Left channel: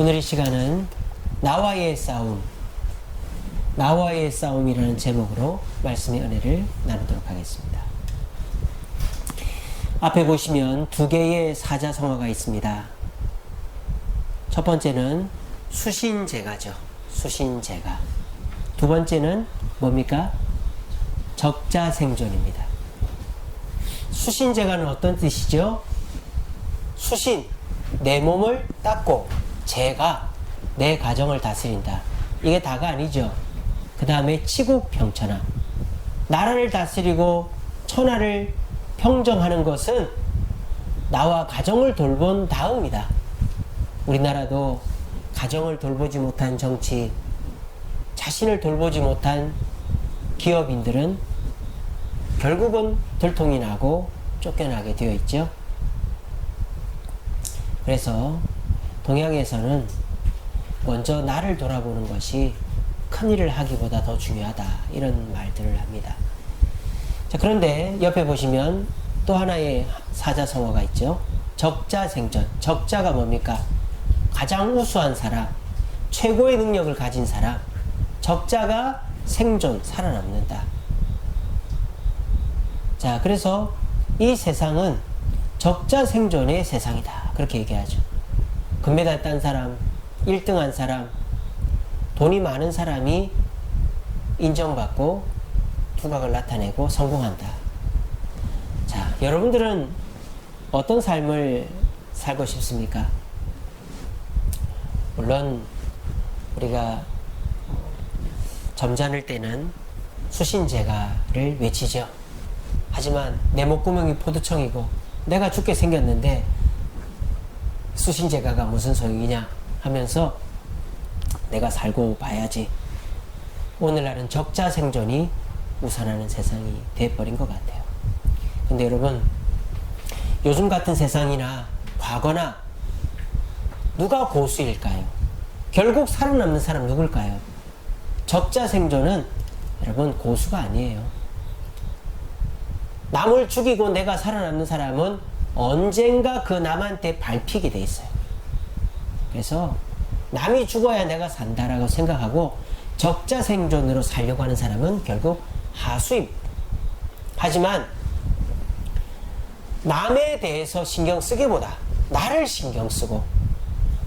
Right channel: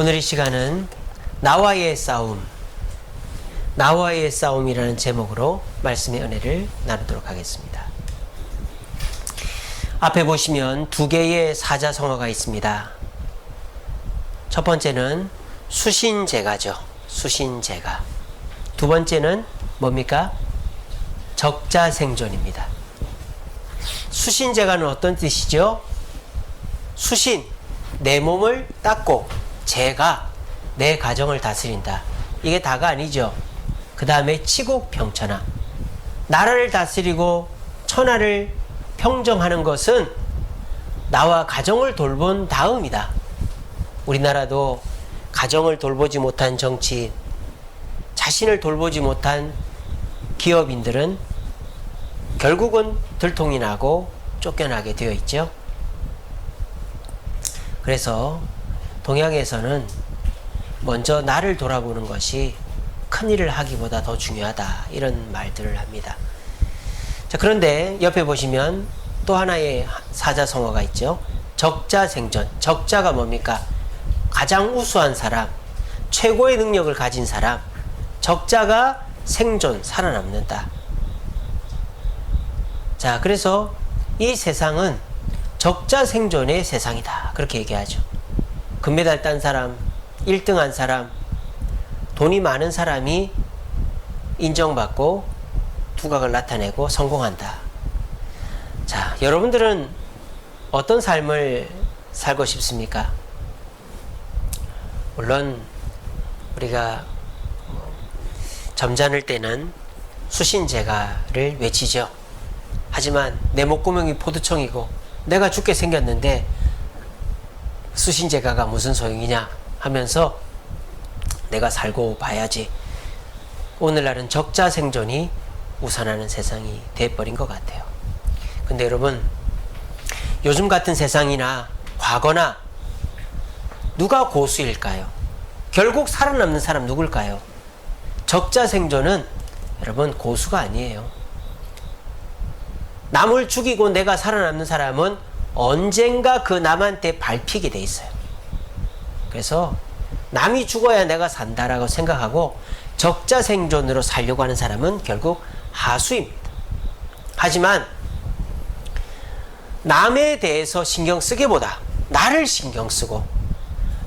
오늘 이 시간은 나와의 싸움, 나와의 싸움이라는 제목으로 말씀의 은혜를 나누도록 하겠습니다. 앞에 보시면 두 개의 사자성어가 있습니다. 첫 번째는 수신제가죠. 수신제가. 두 번째는 뭡니까? 적자생존입니다. 수신제가는 어떤 뜻이죠? 수신, 내 몸을 닦고, 제가 내 가정을 다스린다. 이게 다가 아니죠. 그 다음에 치국평천하, 나라를 다스리고 천하를 평정하는 것은 나와 가정을 돌본 다음이다. 우리나라도 가정을 돌보지 못한 정치인, 자신을 돌보지 못한 기업인들은 결국은 들통이 나고 쫓겨나게 되어 있죠. 그래서 동양에서는 먼저 나를 돌아보는 것이 큰일을 하기보다 더 중요하다, 이런 말들을 합니다. 자, 그런데 옆에 보시면 또 하나의 사자성어가 있죠. 적자생존. 적자가 뭡니까? 가장 우수한 사람, 최고의 능력을 가진 사람. 적자가 생존, 살아남는다. 자, 그래서 이 세상은 적자생존의 세상이다, 그렇게 얘기하죠. 금메달 딴 사람, 1등한 사람, 돈이 많은 사람이 인정받고 두각을 나타내고 성공한다. 자, 여러분들은 어떤 삶을 살고 싶습니까? 물론 우리가 점잖을 때는 수신제가를 외치죠. 하지만 내 목구멍이 포도청이고 내가 죽게 생겼는데 수신제가가 무슨 소용이냐 하면서 내가 살고 봐야지. 오늘날은 적자생존이 우선하는 세상이 돼버린 것 같아요. 근데 여러분, 요즘 같은 세상이나 과거나 누가 고수일까요? 결국 살아남는 사람 누굴까요? 적자생존은 여러분 고수가 아니에요. 남을 죽이고 내가 살아남는 사람은 언젠가 그 남한테 밟히게 돼 있어요. 그래서 남이 죽어야 내가 산다라고 생각하고 적자생존으로 살려고 하는 사람은 결국 하수입니다. 하지만 남에 대해서 신경 쓰기보다 나를 신경 쓰고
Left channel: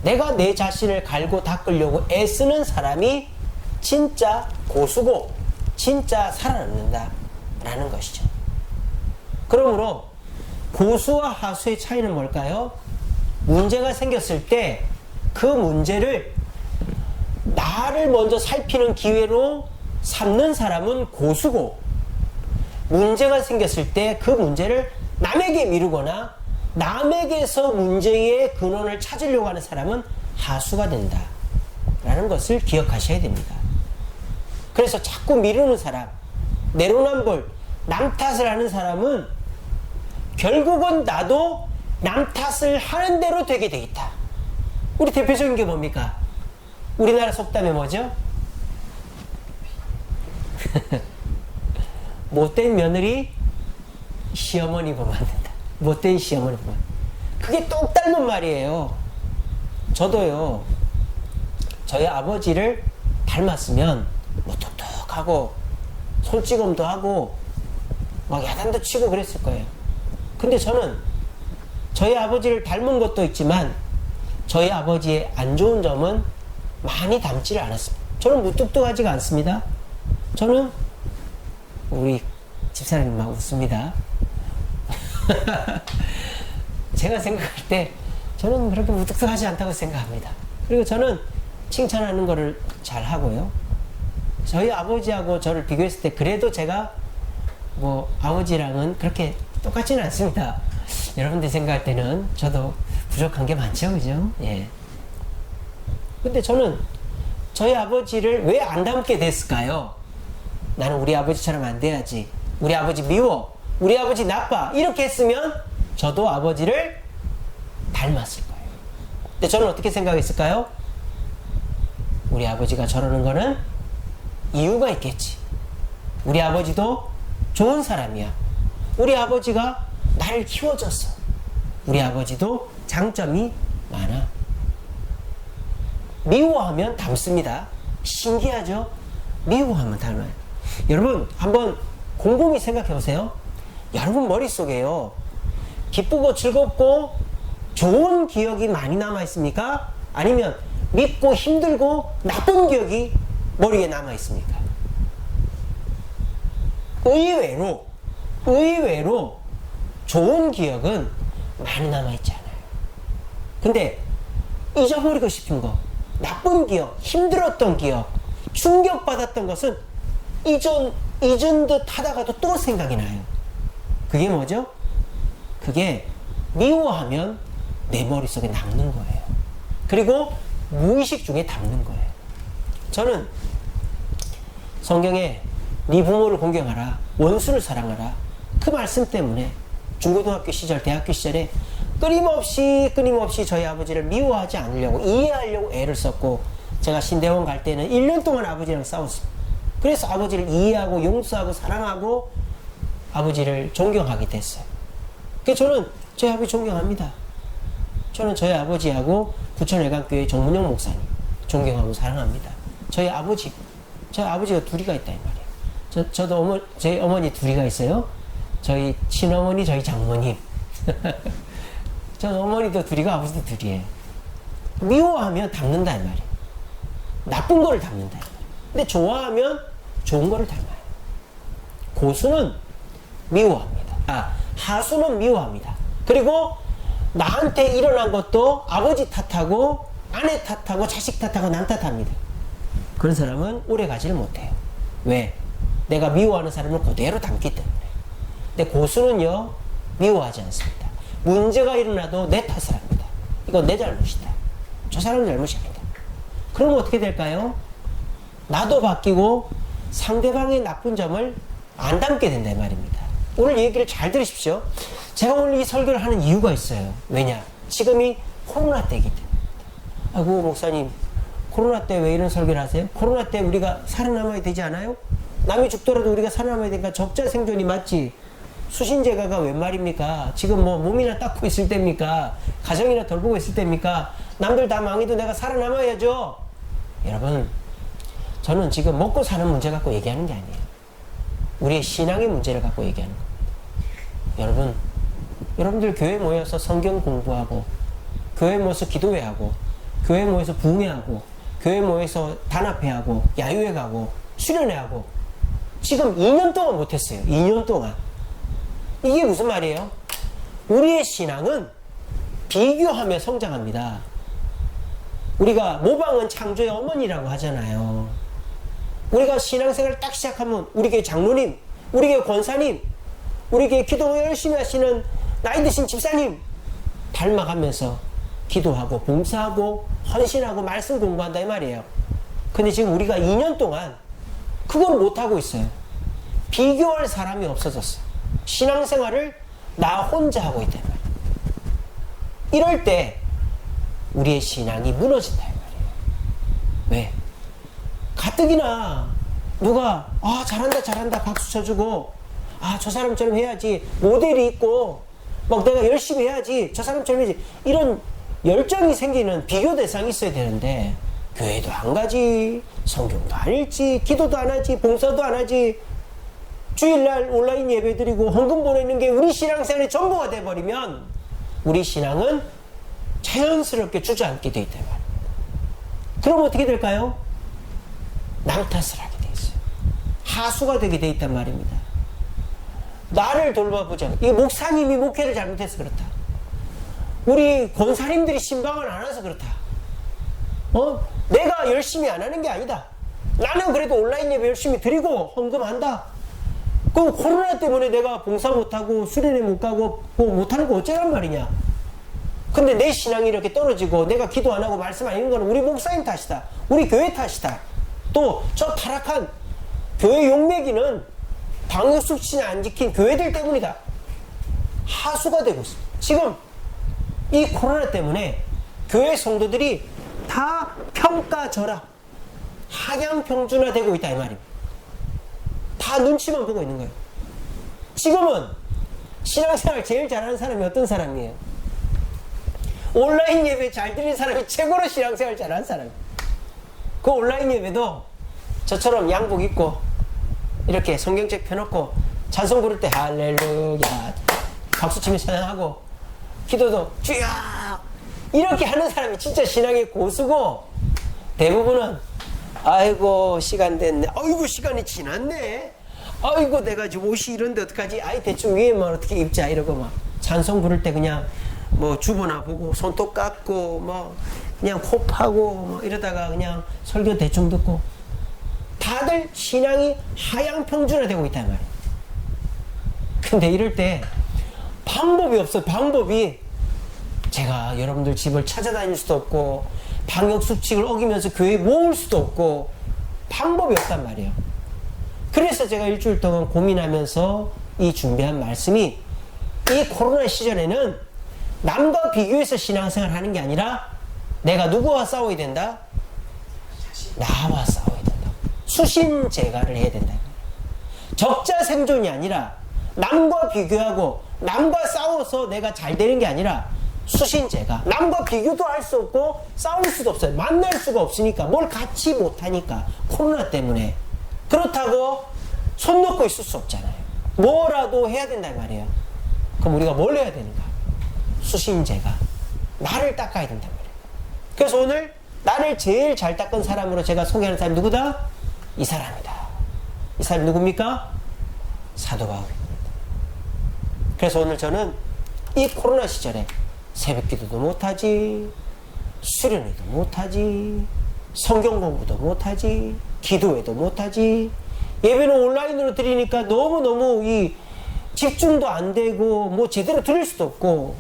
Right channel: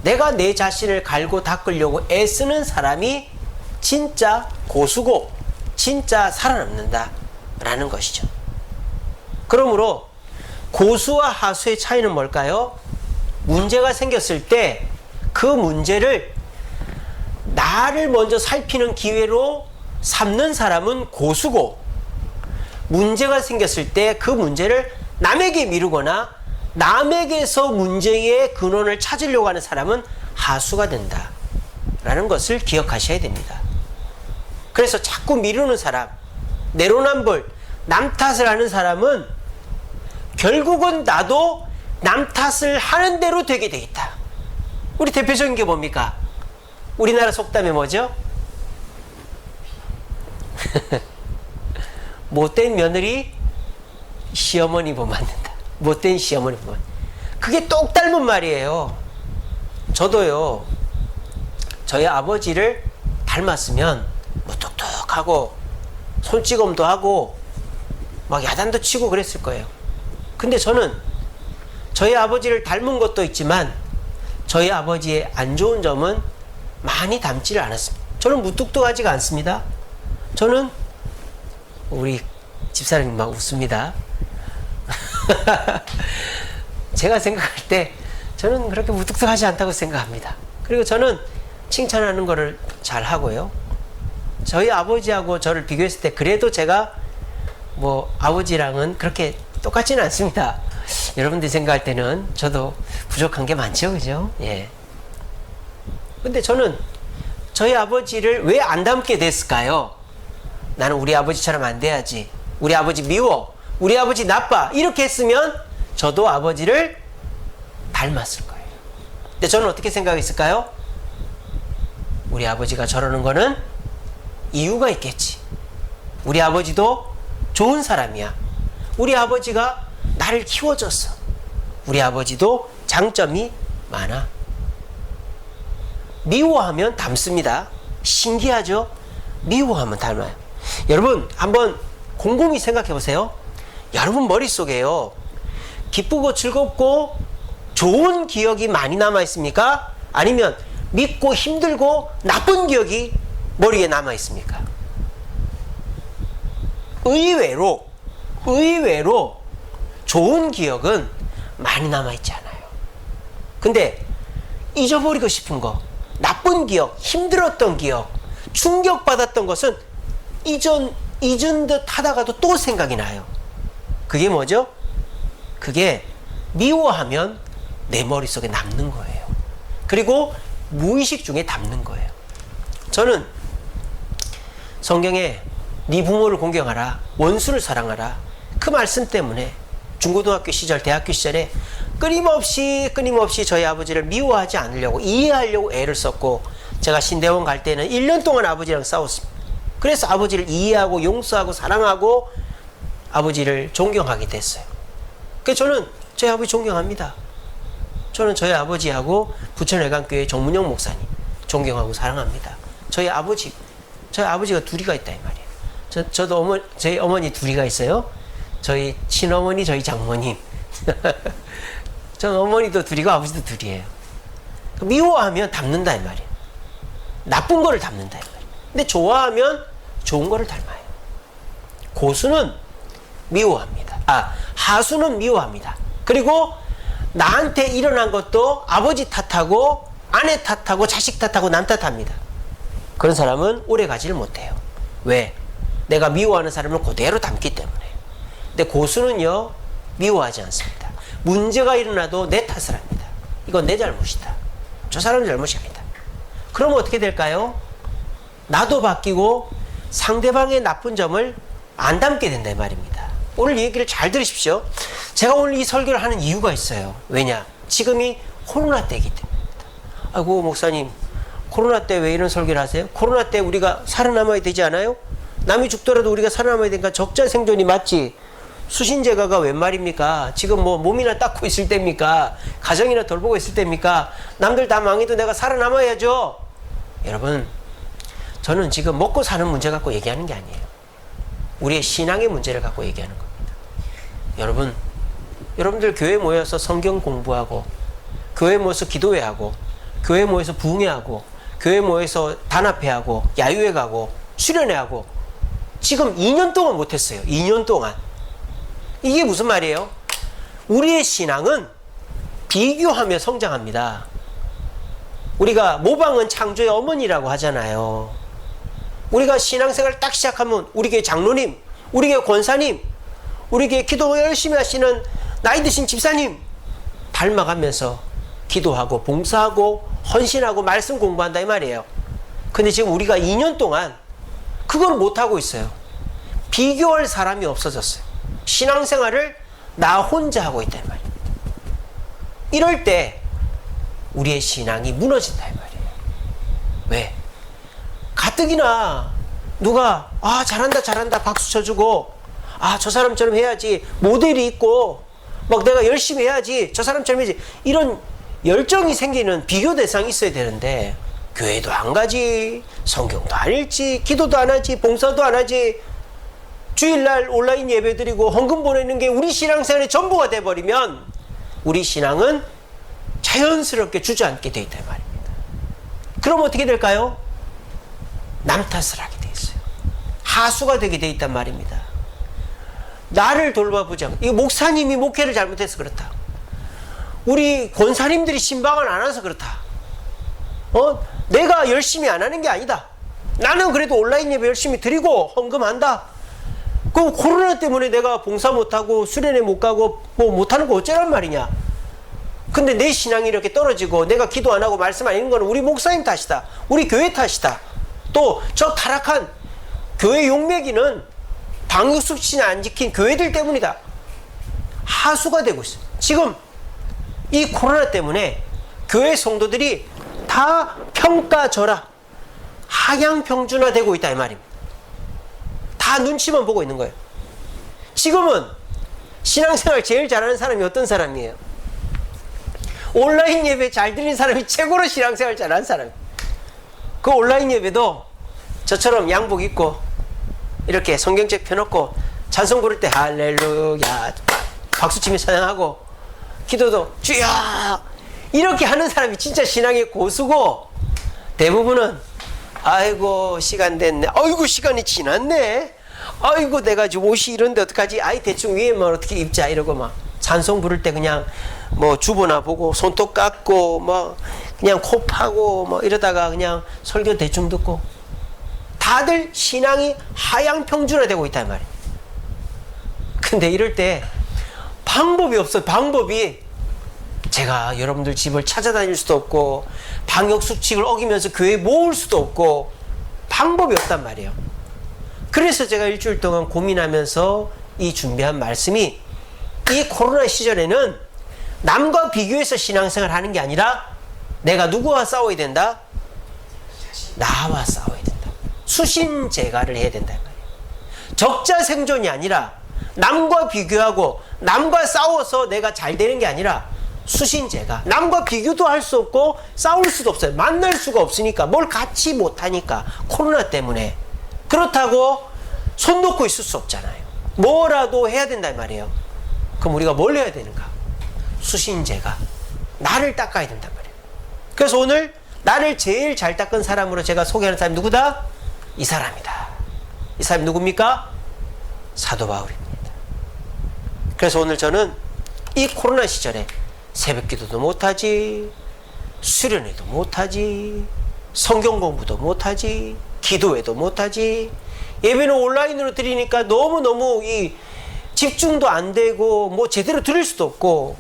내가 내 자신을 갈고 닦으려고 애쓰는 사람이 진짜 고수고 진짜 살아남는다 라는 것이죠. 그러므로 고수와 하수의 차이는 뭘까요? 문제가 생겼을 때 그 문제를 나를 먼저 살피는 기회로 삼는 사람은 고수고, 문제가 생겼을 때 그 문제를 남에게 미루거나 남에게서 문제의 근원을 찾으려고 하는 사람은 하수가 된다 라는 것을 기억하셔야 됩니다. 그래서 자꾸 미루는 사람, 내로남불, 남 탓을 하는 사람은 결국은 나도 남 탓을 하는 대로 되게 돼 있다. 우리 대표적인 게 뭡니까? 우리나라 속담이 뭐죠? 못된 며느리 시어머니 보 맞는다. 못된 시어머니 보 맞는다. 그게 똑 닮은 말이에요. 저도요, 저희 아버지를 닮았으면 무뚝뚝하고 손찌검도 하고 막 야단도 치고 그랬을 거예요. 근데 저는 저희 아버지를 닮은 것도 있지만 저희 아버지의 안 좋은 점은 많이 닮지를 않았습니다. 저는 무뚝뚝하지가 않습니다. 저는, 우리 집사람이 막 웃습니다. 제가 생각할 때 저는 그렇게 무뚝뚝하지 않다고 생각합니다. 그리고 저는 칭찬하는 거를 잘 하고요. 저희 아버지하고 저를 비교했을 때 그래도 제가 뭐 아버지랑은 그렇게 똑같지는 않습니다. 여러분들이 생각할 때는 저도 부족한 게 많죠, 그죠? 예. 근데 저는 저희 아버지를 왜 안 닮게 됐을까요? 나는 우리 아버지처럼 안 돼야지. 우리 아버지 미워. 우리 아버지 나빠. 이렇게 했으면 저도 아버지를 닮았을 거예요. 근데 저는 어떻게 생각했을까요? 우리 아버지가 저러는 거는 이유가 있겠지. 우리 아버지도 좋은 사람이야. 우리 아버지가 나를 키워줬어. 우리 아버지도 장점이 많아. 미워하면 닮습니다. 신기하죠? 미워하면 닮아요. 여러분 한번 곰곰이 생각해 보세요. 여러분 머릿속에요, 기쁘고 즐겁고 좋은 기억이 많이 남아 있습니까? 아니면 믿고 힘들고 나쁜 기억이 머리에 남아 있습니까? 의외로 좋은 기억은 많이 남아 있지 않아요. 근데 잊어버리고 싶은 거, 나쁜 기억, 힘들었던 기억, 충격받았던 것은 잊은 듯 하다가도 또 생각이 나요. 그게 뭐죠? 그게 미워하면 내 머릿속에 남는 거예요. 그리고 무의식 중에 담는 거예요. 저는 성경에 네 부모를 공경하라, 원수를 사랑하라, 그 말씀 때문에 중고등학교 시절, 대학교 시절에 끊임없이 저희 아버지를 미워하지 않으려고, 이해하려고 애를 썼고, 제가 신대원 갈 때는 1년 동안 아버지랑 싸웠습니다. 그래서 아버지를 이해하고 용서하고 사랑하고 아버지를 존경하게 됐어요. 그래서 저는 저희 아버지 존경합니다. 저는 저희 아버지하고 부천외관교회 정문영 목사님 존경하고 사랑합니다. 저희 아버지가 둘이가 있다 이 말이에요. 저도 저희 어머니 둘이가 있어요. 저희 친어머니, 저희 장모님. 전 어머니도 둘이고 아버지도 둘이에요. 미워하면 담는다 이 말이에요. 나쁜 거를 담는다 이 말이에요. 근데 좋아하면 좋은 거를 닮아요. 고수는 미워합니다. 하수는 미워합니다. 그리고 나한테 일어난 것도 아버지 탓하고 아내 탓하고 자식 탓하고 남 탓합니다. 그런 사람은 오래 가지를 못해요. 왜? 내가 미워하는 사람을 그대로 닮기 때문에. 근데 고수는요, 미워하지 않습니다. 문제가 일어나도 내 탓을 합니다. 이건 내 잘못이다. 저 사람 잘못이 아니다. 그러면 어떻게 될까요? 나도 바뀌고 상대방의 나쁜 점을 안 담게 된다 이 말입니다. 오늘 얘기를 잘 들으십시오. 제가 오늘 이 설교를 하는 이유가 있어요. 왜냐? 지금이 코로나 때이기 때문입니다. 아이고 목사님, 코로나 때 왜 이런 설교를 하세요? 코로나 때 우리가 살아남아야 되지 않아요? 남이 죽더라도 우리가 살아남아야 되니까 적자 생존이 맞지. 수신제가가 웬 말입니까? 지금 뭐 몸이나 닦고 있을 때입니까? 가정이나 돌보고 있을 때입니까? 남들 다 망해도 내가 살아남아야죠. 여러분, 저는 지금 먹고 사는 문제 갖고 얘기하는 게 아니에요. 우리의 신앙의 문제를 갖고 얘기하는 겁니다. 여러분들 교회 모여서 성경 공부하고, 교회 모여서 기도회하고, 교회 모여서 부흥회하고, 교회 모여서 단합회하고, 야유회 가고, 수련회하고, 지금 2년 동안 못했어요. 2년 동안. 이게 무슨 말이에요? 우리의 신앙은 비교하며 성장합니다. 우리가 모방은 창조의 어머니라고 하잖아요. 우리가 신앙생활 딱 시작하면 우리 교회 장로님, 우리 교회 권사님, 우리 교회 기도 열심히 하시는 나이 드신 집사님 닮아가면서 기도하고 봉사하고 헌신하고 말씀 공부한다 이 말이에요. 근데 지금 우리가 2년 동안 그걸 못하고 있어요. 비교할 사람이 없어졌어요. 신앙생활을 나 혼자 하고 있단 말입니다. 이럴 때 우리의 신앙이 무너진다 이 말이에요. 왜? 가뜩이나 누가 잘한다 박수 쳐주고 저 사람처럼 해야지, 모델이 있고 막 내가 열심히 해야지, 저 사람처럼 해야지, 이런 열정이 생기는 비교 대상이 있어야 되는데 교회도 안 가지, 성경도 안 읽지, 기도도 안 하지, 봉사도 안 하지, 주일날 온라인 예배 드리고 헌금 보내는 게 우리 신앙생활의 전부가 돼버리면 우리 신앙은 자연스럽게 주저앉게 돼 있단 말입니다. 그럼 어떻게 될까요? 남 탓을 하게 돼 있어요. 하수가 되게 돼 있단 말입니다. 나를 돌봐보지 않고, 이거 목사님이 목회를 잘못해서 그렇다, 우리 권사님들이 신방을 안 와서 그렇다, 내가 열심히 안 하는 게 아니다, 나는 그래도 온라인 예배 열심히 드리고 헌금한다, 그럼 코로나 때문에 내가 봉사 못하고 수련회 못 가고 뭐 못하는 거 어쩌란 말이냐. 근데 내 신앙이 이렇게 떨어지고 내가 기도 안 하고 말씀 안 읽는 거는 우리 목사님 탓이다, 우리 교회 탓이다, 또 저 타락한 교회 용매기는 방역수칙을 안 지킨 교회들 때문이다, 하수가 되고 있어요. 지금 이 코로나 때문에 교회 성도들이 다 평가절하, 하향평준화 되고 있다 이 말입니다. 다 눈치만 보고 있는 거예요. 지금은 신앙생활 제일 잘하는 사람이 어떤 사람이에요? 온라인 예배 잘 드리는 사람이 최고로 신앙생활 잘하는 사람이에요. 그 온라인 예배도 저처럼 양복 입고 이렇게 성경책 펴놓고 찬송 부를 때 할렐루야 박수치며 찬양하고 기도도 주여 이렇게 하는 사람이 진짜 신앙의 고수고, 대부분은 아이고 시간 됐네, 아이고 시간이 지났네, 아이고 내가 지금 옷이 이런데 어떡하지, 아이 대충 위에만 어떻게 입자 이러고 막 찬송 부를 때 그냥 뭐 주보나 보고 손톱 깎고 뭐 그냥 코 파고 뭐 이러다가 그냥 설교 대충 듣고, 다들 신앙이 하향평준화되고 있단 말이에요. 근데 이럴 때 방법이 없어요. 방법이, 제가 여러분들 집을 찾아다닐 수도 없고 방역수칙을 어기면서 교회에 모을 수도 없고 방법이 없단 말이에요. 그래서 제가 일주일 동안 고민하면서 이 준비한 말씀이, 이 코로나 시절에는 남과 비교해서 신앙생활 하는 게 아니라 내가 누구와 싸워야 된다? 나와 싸워야 된다. 수신제가를 해야 된다. 적자생존이 아니라 남과 비교하고 남과 싸워서 내가 잘 되는 게 아니라 수신제가, 남과 비교도 할 수 없고 싸울 수도 없어요. 만날 수가 없으니까, 뭘 같이 못하니까, 코로나 때문에. 그렇다고 손 놓고 있을 수 없잖아요. 뭐라도 해야 된단 말이에요. 그럼 우리가 뭘 해야 되는가? 수신제가, 나를 닦아야 된단 말이에요. 그래서 오늘 나를 제일 잘 닦은 사람으로 제가 소개하는 사람이 누구다? 이 사람이다. 이 사람이 누굽니까? 사도 바울입니다. 그래서 오늘 저는 이 코로나 시절에 새벽 기도도 못하지, 수련회도 못하지, 성경 공부도 못하지, 기도회도 못하지, 예배는 온라인으로 드리니까 너무너무 이 집중도 안 되고 뭐 제대로 드릴 수도 없고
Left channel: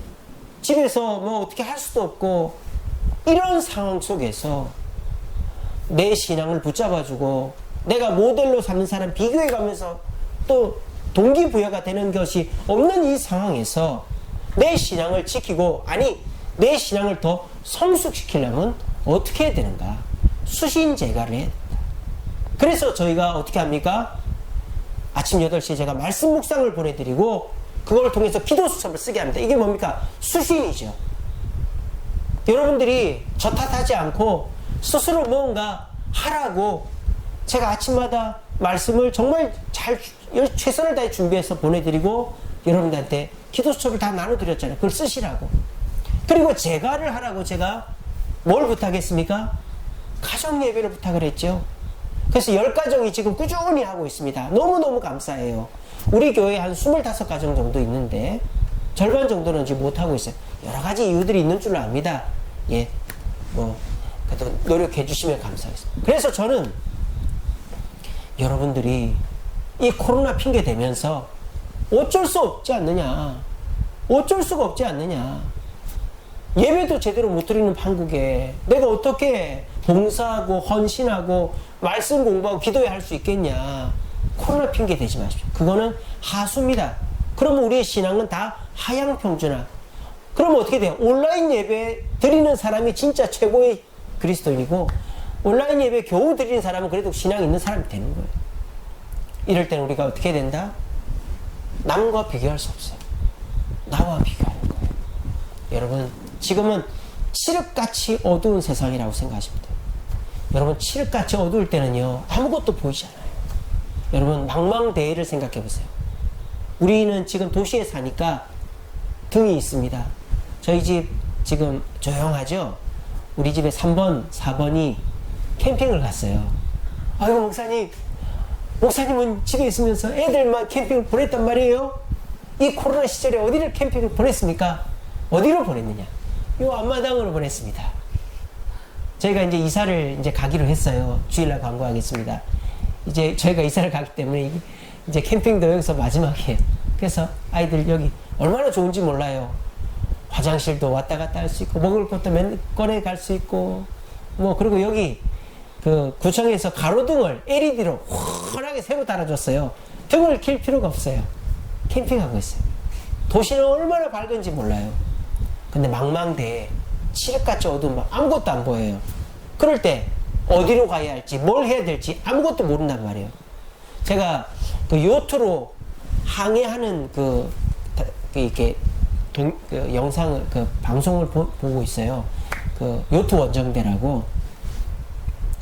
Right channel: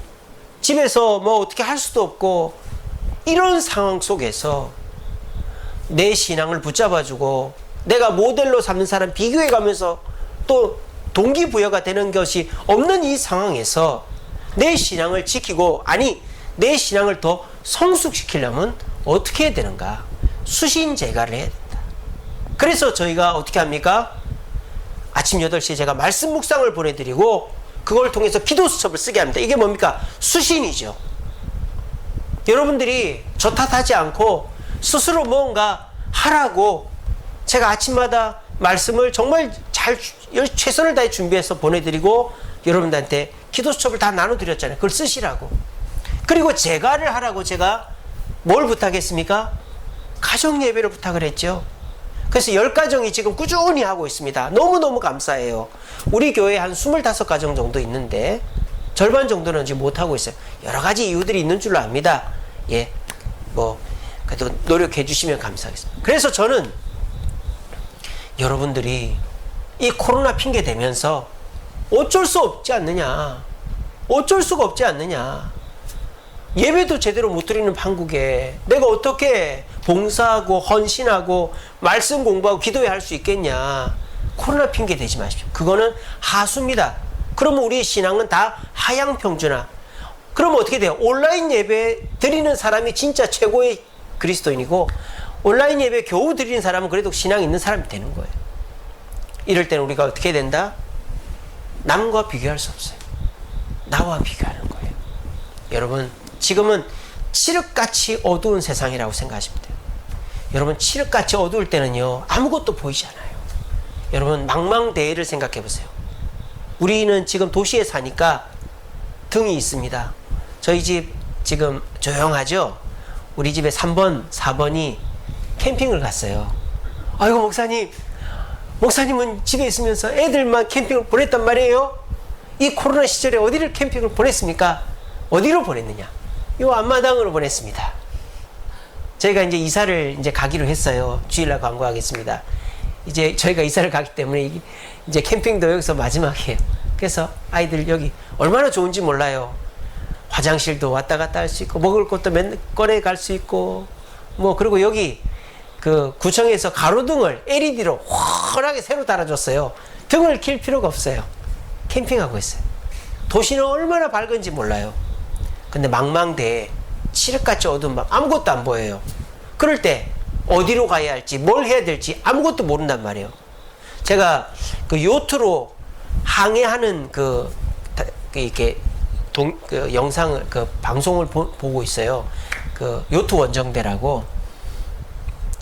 집에서 뭐 어떻게 할 수도 없고, 이런 상황 속에서 내 신앙을 붙잡아주고 내가 모델로 삼는 사람 비교해 가면서 또 동기부여가 되는 것이 없는 이 상황에서 내 신앙을 지키고, 아니 내 신앙을 더 성숙시키려면 어떻게 해야 되는가? 수신제가를 해야 된다. 그래서 저희가 어떻게 합니까? 아침 8시에 제가 말씀 묵상을 보내드리고 그걸 통해서 기도 수첩을 쓰게 합니다. 이게 뭡니까? 수신이죠. 여러분들이 저 탓하지 않고 스스로 뭔가 하라고 제가 아침마다 말씀을 정말 잘 최선을 다해 준비해서 보내드리고 여러분들한테 기도 수첩을 다 나눠드렸잖아요. 그걸 쓰시라고. 그리고 제가를 하라고 제가 뭘 부탁했습니까? 가정 예배를 부탁을 했죠. 그래서 10가정이 지금 꾸준히 하고 있습니다. 너무너무 감사해요. 우리 교회에 한 25가정 정도 있는데 절반 정도는 지금 못하고 있어요. 여러 가지 이유들이 있는 줄로 압니다. 예, 뭐 그래도 노력해 주시면 감사하겠습니다. 그래서 저는 여러분들이 이 코로나 핑계 대면서 어쩔 수 없지 않느냐, 어쩔 수가 없지 않느냐, 예배도 제대로 못 드리는 한국에 내가 어떻게 봉사하고 헌신하고 말씀 공부하고 기도해 할 수 있겠냐. 코로나 핑계 대지 마십시오. 그거는 하수입니다. 그러면 우리의 신앙은 다 하향평준화. 그러면 어떻게 돼요? 온라인 예배 드리는 사람이 진짜 최고의 그리스도인이고 온라인 예배 겨우 드리는 사람은 그래도 신앙이 있는 사람이 되는 거예요. 이럴 때는 우리가 어떻게 해야 된다? 남과 비교할 수 없어요. 나와 비교하는 거예요. 여러분, 지금은 칠흑같이 어두운 세상이라고 생각하시면 돼요. 여러분, 칠흑같이 어두울 때는요, 아무것도 보이지 않아요. 여러분, 망망대해를 생각해 보세요. 우리는 지금 도시에 사니까 등이 있습니다. 저희 집 지금 조용하죠? 우리 집에 3번, 4번이 캠핑을 갔어요. 아이고, 목사님은 집에 있으면서 애들만 캠핑을 보냈단 말이에요? 이 코로나 시절에 어디를 캠핑을 보냈습니까? 어디로 보냈느냐? 요 앞마당으로 보냈습니다. 저희가 이제 이사를 이제 가기로 했어요. 주일날 광고하겠습니다. 이제 저희가 이사를 가기 때문에 이제 캠핑도 여기서 마지막이에요. 그래서 아이들 여기 얼마나 좋은지 몰라요. 화장실도 왔다 갔다 할 수 있고, 먹을 것도 맨 꺼내 갈 수 있고, 뭐, 그리고 여기 그 구청에서 가로등을 LED로 환하게 새로 달아줬어요. 등을 킬 필요가 없어요. 캠핑하고 있어요. 도시는 얼마나 밝은지 몰라요. 근데 망망대해 칠흑같이 어두운 밤 아무것도 안 보여요. 그럴 때 어디로 가야 할지 뭘 해야 될지 아무것도 모른단 말이에요. 제가 그 요트로 항해하는 이렇게 그 영상을 그 방송을 보고 있어요. 그 요트 원정대라고.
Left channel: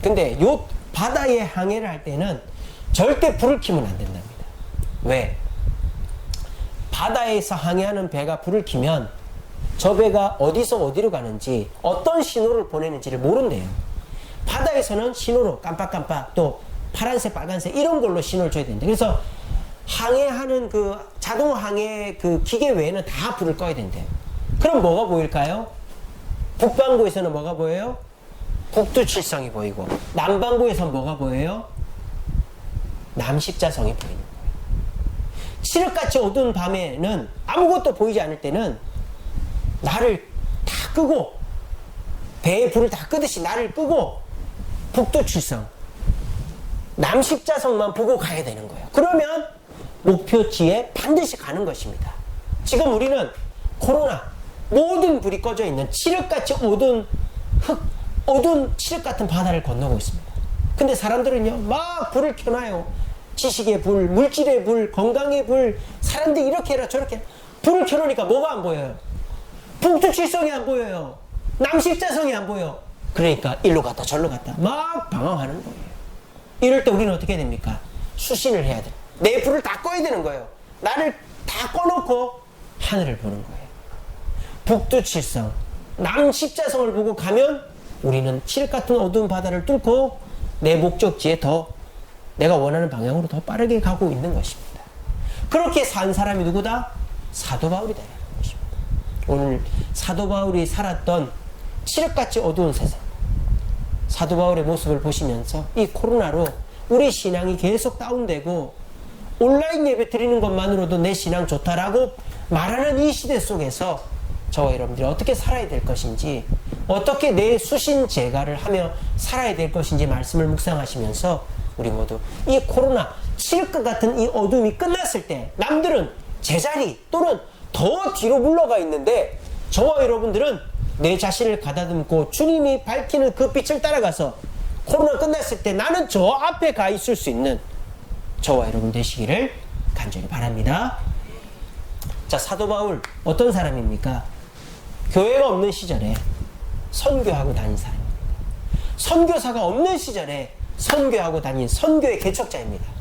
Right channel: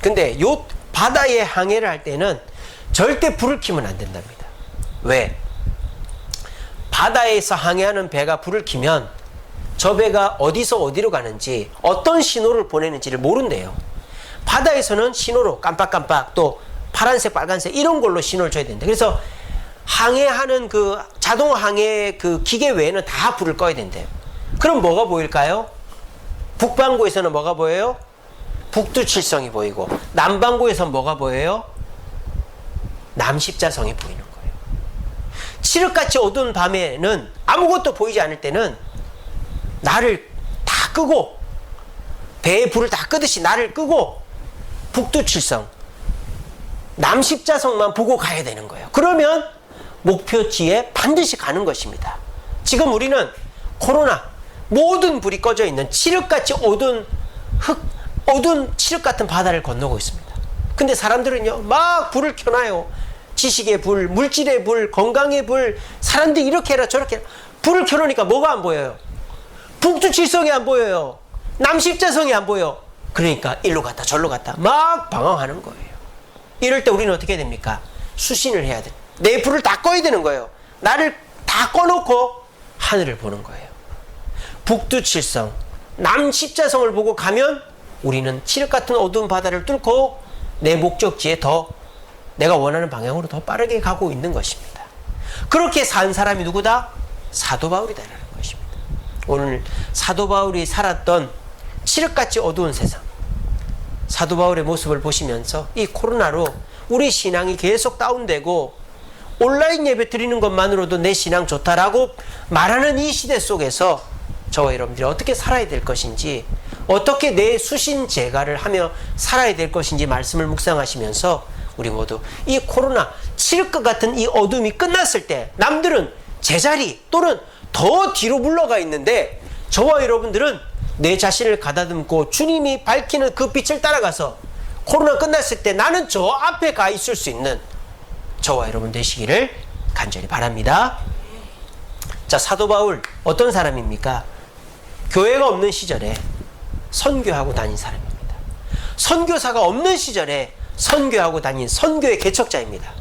근데 요 바다에 항해를 할 때는 절대 불을 켜면 안 된답니다. 왜? 바다에서 항해하는 배가 불을 켜면 저 배가 어디서 어디로 가는지 어떤 신호를 보내는지를 모른대요. 바다에서는 신호로 깜빡깜빡 또 파란색 빨간색 이런 걸로 신호를 줘야 된다. 그래서 항해하는 그 자동 항해 그 기계 외에는 다 불을 꺼야 된대요. 그럼 뭐가 보일까요? 북반구에서는 뭐가 보여요? 북두칠성이 보이고, 남반구에서는 뭐가 보여요? 남십자성이 보이는 거예요. 칠흑같이 어두운 밤에는 아무것도 보이지 않을 때는 나를 다 끄고, 배에 불을 다 끄듯이 나를 끄고 북두칠성, 남십자성만 보고 가야 되는 거예요. 그러면 목표지에 반드시 가는 것입니다. 지금 우리는 코로나 모든 불이 꺼져 있는 칠흑같이 어두운 칠흑 같은 바다를 건너고 있습니다. 근데 사람들은요 막 불을 켜놔요. 지식의 불, 물질의 불, 건강의 불, 사람들이 이렇게 해라 저렇게 해라. 불을 켜놓으니까 뭐가 안 보여요? 북두칠성이 안 보여요. 남십자성이 안 보여. 그러니까 일로 갔다 저로 갔다 막 방황하는 거예요. 이럴 때 우리는 어떻게 됩니까? 수신을 해야 돼. 내 불을 다 꺼야 되는 거예요. 나를 다 꺼놓고 하늘을 보는 거예요. 북두칠성, 남십자성을 보고 가면 우리는 칠흑 같은 어두운 바다를 뚫고 내 목적지에 더 내가 원하는 방향으로 더 빠르게 가고 있는 것입니다. 그렇게 산 사람이 누구다? 사도 바울이다라는 것입니다. 오늘 사도 바울이 살았던 칠흑같이 어두운 세상, 사도 바울의 모습을 보시면서 이 코로나로 우리 신앙이 계속 다운되고 온라인 예배 드리는 것만으로도 내 신앙 좋다라고 말하는 이 시대 속에서 저와 여러분들이 어떻게 살아야 될 것인지, 어떻게 내 수신 제가를 하며 살아야 될 것인지 말씀을 묵상하시면서 우리 모두 이 코로나 칠흑과 같은 이 어둠이 끝났을 때 남들은 제자리 또는 더 뒤로 물러가 있는데 저와 여러분들은 내 자신을 가다듬고 주님이 밝히는 그 빛을 따라가서 코로나 끝났을 때 나는 저 앞에 가 있을 수 있는 저와 여러분 되시기를 간절히 바랍니다. 자, 사도 바울 어떤 사람입니까? 교회가 없는 시절에 선교하고 다닌 사람입니다. 선교사가 없는 시절에 선교하고 다닌 선교의 개척자입니다.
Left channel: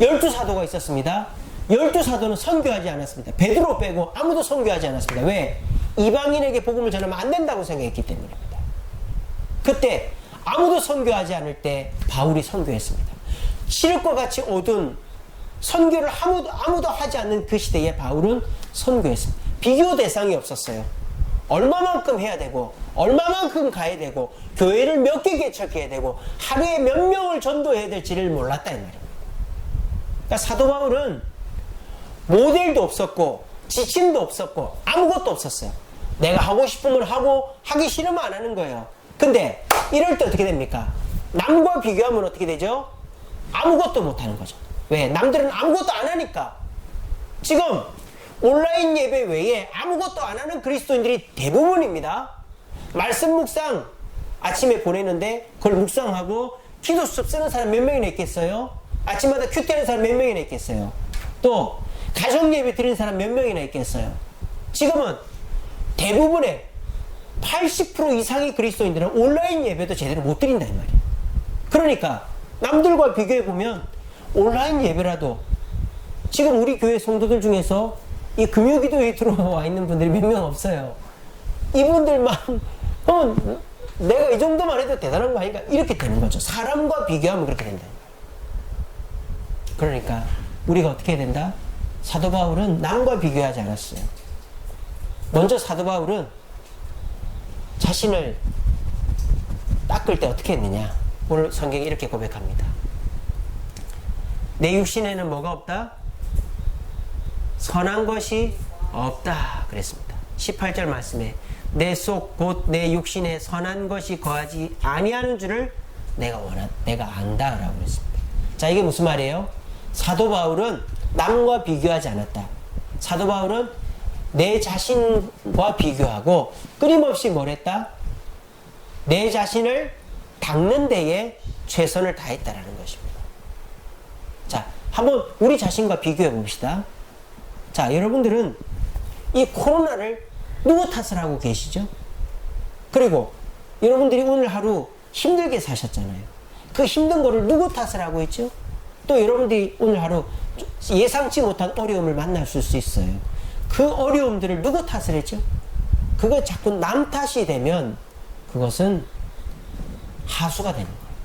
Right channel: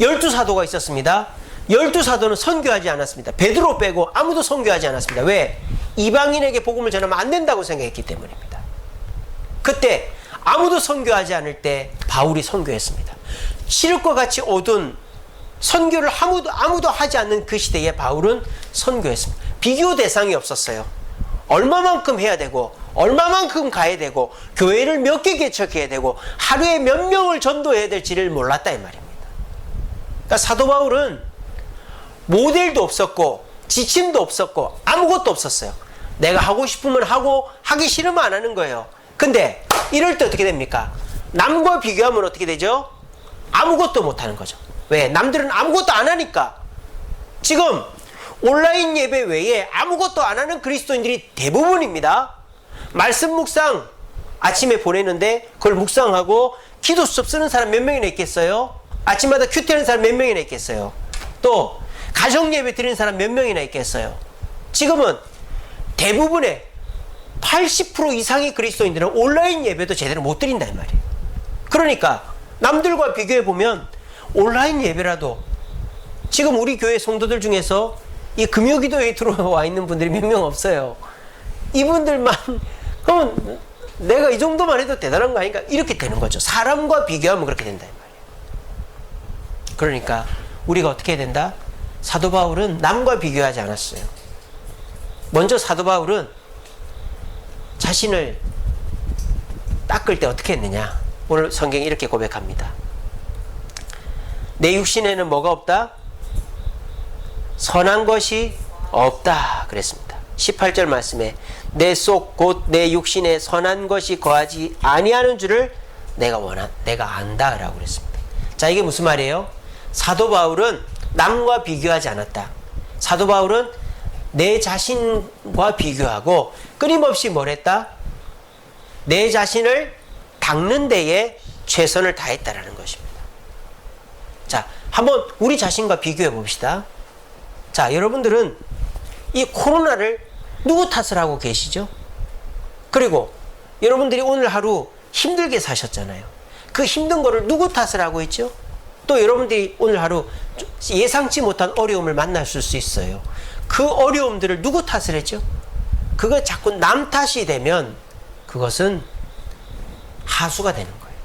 12사도가 있었습니다. 12사도는 선교하지 않았습니다. 베드로 빼고 아무도 선교하지 않았습니다. 왜? 이방인에게 복음을 전하면 안 된다고 생각했기 때문입니다. 그때 아무도 선교하지 않을 때 바울이 선교했습니다. 칠흑과 같이 어두운 선교를 아무도 하지 않는 그 시대에 바울은 선교했습니다. 비교 대상이 없었어요. 얼마만큼 해야 되고 얼마만큼 가야 되고 교회를 몇 개 개척해야 되고 하루에 몇 명을 전도해야 될지를 몰랐다 이 말입니다. 그러니까 사도 바울은 모델도 없었고 지침도 없었고 아무것도 없었어요. 내가 하고 싶으면 하고 하기 싫으면 안 하는 거예요. 근데 이럴 때 어떻게 됩니까? 남과 비교하면 어떻게 되죠? 아무것도 못하는 거죠. 왜? 남들은 아무것도 안 하니까. 지금 온라인 예배 외에 아무것도 안 하는 그리스도인들이 대부분입니다. 말씀 묵상 아침에 보내는데 그걸 묵상하고 기도 수업 쓰는 사람 몇 명이나 있겠어요? 아침마다 큐티하는 사람 몇 명이나 있겠어요? 또 가정 예배 드리는 사람 몇 명이나 있겠어요? 지금은 대부분의 80% 이상의 그리스도인들은 온라인 예배도 제대로 못 드린다 이 말이에요. 그러니까 남들과 비교해 보면 온라인 예배라도 지금 우리 교회 성도들 중에서 이 금요기도에 들어와 있는 분들이 몇 명 없어요. 이분들만 그러면 내가 이 정도만 해도 대단한 거 아닌가? 이렇게 되는 거죠. 사람과 비교하면 그렇게 된다 이 말이에요. 그러니까 우리가 어떻게 해야 된다? 사도 바울은 남과 비교하지 않았어요. 먼저 사도 바울은 자신을 닦을 때 어떻게 했느냐? 오늘 성경이 이렇게 고백합니다. 내 육신에는 뭐가 없다? 선한 것이 없다 그랬습니다. 18절 말씀에 내 속 곧 내 육신에 선한 것이 거하지 아니하는 줄을 내가 안다 라고 그랬습니다. 자, 이게 무슨 말이에요? 사도 바울은 남과 비교하지 않았다. 사도 바울은 내 자신과 비교하고 끊임없이 뭘 했다? 내 자신을 닦는 데에 최선을 다했다라는 것입니다. 자, 한번 우리 자신과 비교해 봅시다. 자, 여러분들은 이 코로나를 누구 탓을 하고 계시죠? 그리고 여러분들이 오늘 하루 힘들게 사셨잖아요. 그 힘든 거를 누구 탓을 하고 있죠? 또 여러분들이 오늘 하루 예상치 못한 어려움을 만나실 수 있어요. 그 어려움들을 누구 탓을 했죠? 그거 자꾸 남 탓이 되면 그것은 하수가 되는 거예요.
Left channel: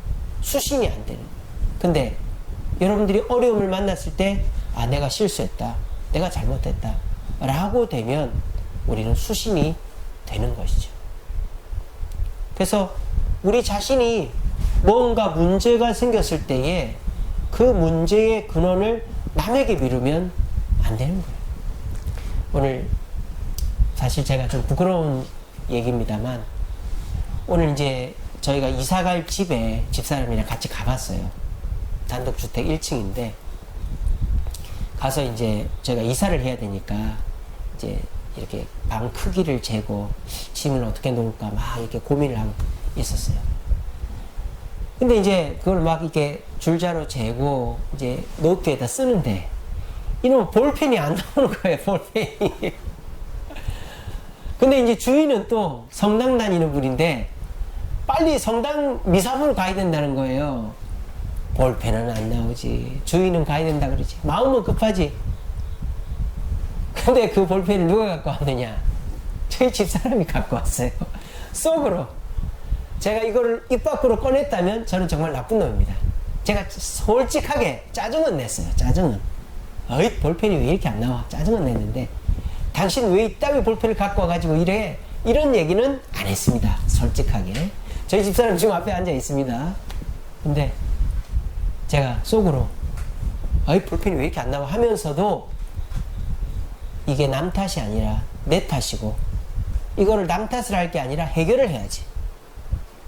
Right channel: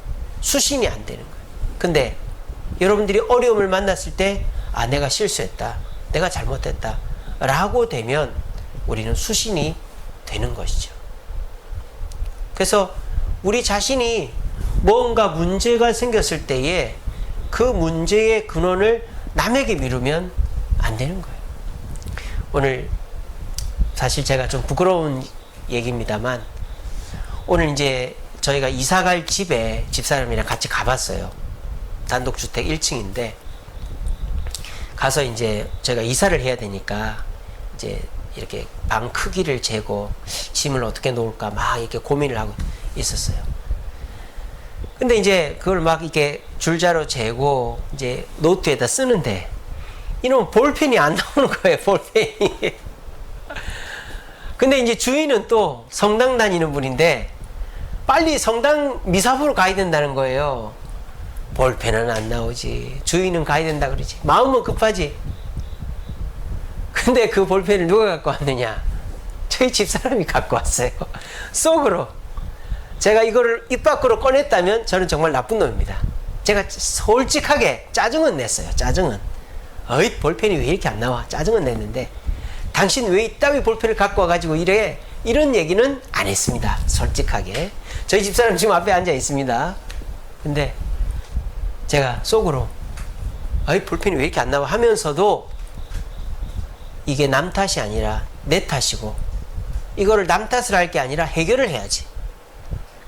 수신이 안 되는 거예요. 근데 여러분들이 어려움을 만났을 때 아, 내가 실수했다, 내가 잘못했다 라고 되면 우리는 수신이 되는 것이죠. 그래서 우리 자신이 뭔가 문제가 생겼을 때에 그 문제의 근원을 남에게 미루면 안 되는 거예요. 오늘 사실 제가 좀 부끄러운 얘기입니다만 오늘 이제 저희가 이사갈 집에 집사람이랑 같이 가봤어요. 단독주택 1층인데 가서 이제 제가 이사를 해야 되니까 이제 이렇게 방 크기를 재고 짐을 어떻게 놓을까 막 이렇게 고민을 하고 있었어요. 근데 이제 그걸 막 이렇게 줄자로 재고 이제 노트에다 쓰는데 이놈 볼펜이 안 나오는 거예요. 볼펜이. 근데 이제 주인은 또 성당 다니는 분인데 빨리 성당 미사부로 가야 된다는 거예요. 볼펜은 안 나오지. 주인은 가야 된다 그러지. 마음은 급하지. 근데 그 볼펜을 누가 갖고 왔느냐? 저희 집사람이 갖고 왔어요. 속으로. 제가 이거를 입 밖으로 꺼냈다면 저는 정말 나쁜 놈입니다. 제가 솔직하게 짜증은 냈어요. 짜증은. 어이, 볼펜이 왜 이렇게 안 나와? 짜증은 냈는데 당신 왜 이따위 볼펜을 갖고 와가지고 이래? 이런 얘기는 안 했습니다. 솔직하게. 저희 집사람 지금 앞에 앉아 있습니다. 근데 제가 속으로 어이, 볼펜이 왜 이렇게 안 나와? 하면서도 이게 남 탓이 아니라 내 탓이고 이거를 남 탓을 할 게 아니라 해결을 해야지.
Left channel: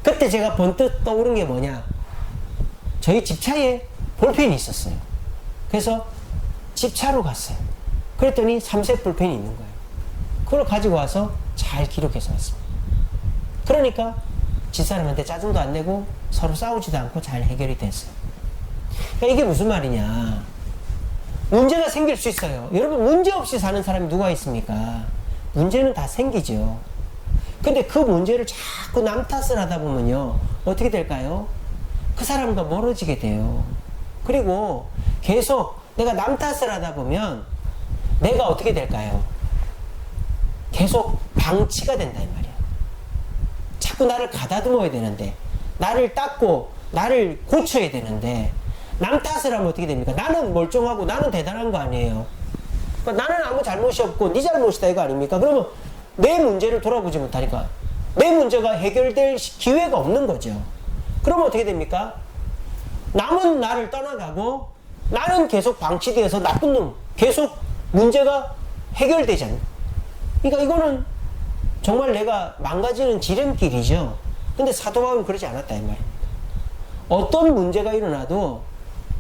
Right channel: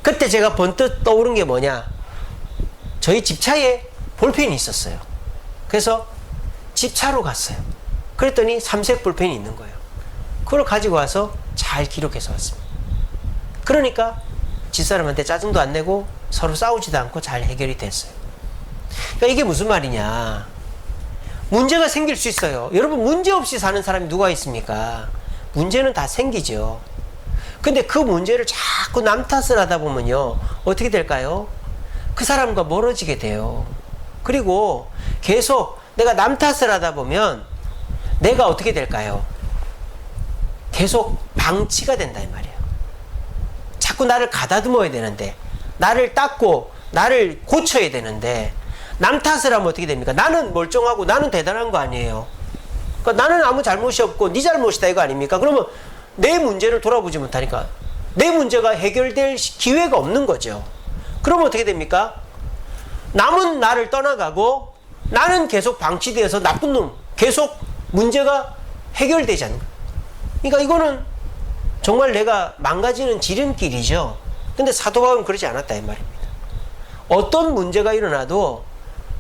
그때 제가 번뜩 떠오른 게 뭐냐? 저희 집차에 볼펜이 있었어요. 그래서 집차로 갔어요. 그랬더니 삼색 볼펜이 있는 거예요. 그걸 가지고 와서 잘 기록해서 왔습니다. 그러니까 집사람한테 짜증도 안 내고 서로 싸우지도 않고 잘 해결이 됐어요. 그러니까 이게 무슨 말이냐? 문제가 생길 수 있어요. 여러분, 문제 없이 사는 사람이 누가 있습니까? 문제는 다 생기죠. 근데 그 문제를 자꾸 남 탓을 하다 보면요, 어떻게 될까요? 그 사람과 멀어지게 돼요. 그리고 계속 내가 남 탓을 하다 보면 내가 어떻게 될까요? 계속 방치가 된다 이 말이에요. 자꾸 나를 가다듬어야 되는데, 나를 닦고 나를 고쳐야 되는데 남 탓을 하면 어떻게 됩니까? 나는 멀쩡하고 나는 대단한 거 아니에요. 그러니까 나는 아무 잘못이 없고 네 잘못이다 이거 아닙니까? 그러면 내 문제를 돌아보지 못하니까 내 문제가 해결될 기회가 없는 거죠. 그러면 어떻게 됩니까? 남은 나를 떠나가고 나는 계속 방치되어서 나쁜 놈, 계속 문제가 해결되지 않는 거예요. 그러니까 이거는 정말 내가 망가지는 지름길이죠. 근데 사도 바울은 그러지 않았다 이 말입니다. 어떤 문제가 일어나도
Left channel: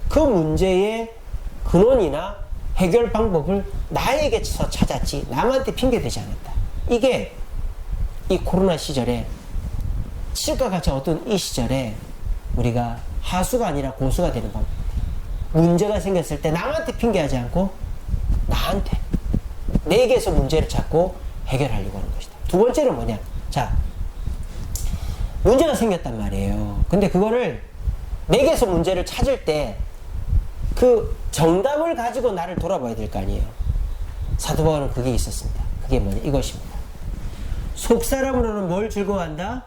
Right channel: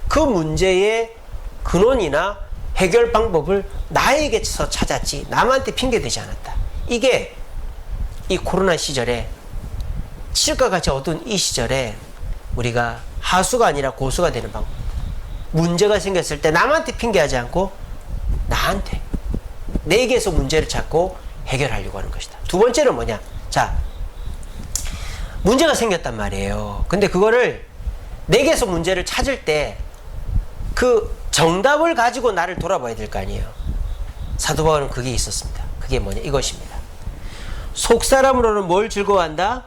그 문제의 근원이나 해결 방법을 나에게서 찾았지 남한테 핑계대지 않았다. 이게 이 코로나 시절에, 실과 같이 어두운 이 시절에 우리가 하수가 아니라 고수가 되는 방법. 문제가 생겼을 때 남한테 핑계하지 않고 나한테, 내게서 문제를 찾고 해결하려고 하는 것이다. 두 번째는 뭐냐? 자, 문제가 생겼단 말이에요. 근데 그거를 내게서 문제를 찾을 때 그 정답을 가지고 나를 돌아봐야 될 거 아니에요. 사도 바울은 그게 있었습니다. 그게 뭐냐? 이것입니다. 속사람으로는 뭘 즐거워한다?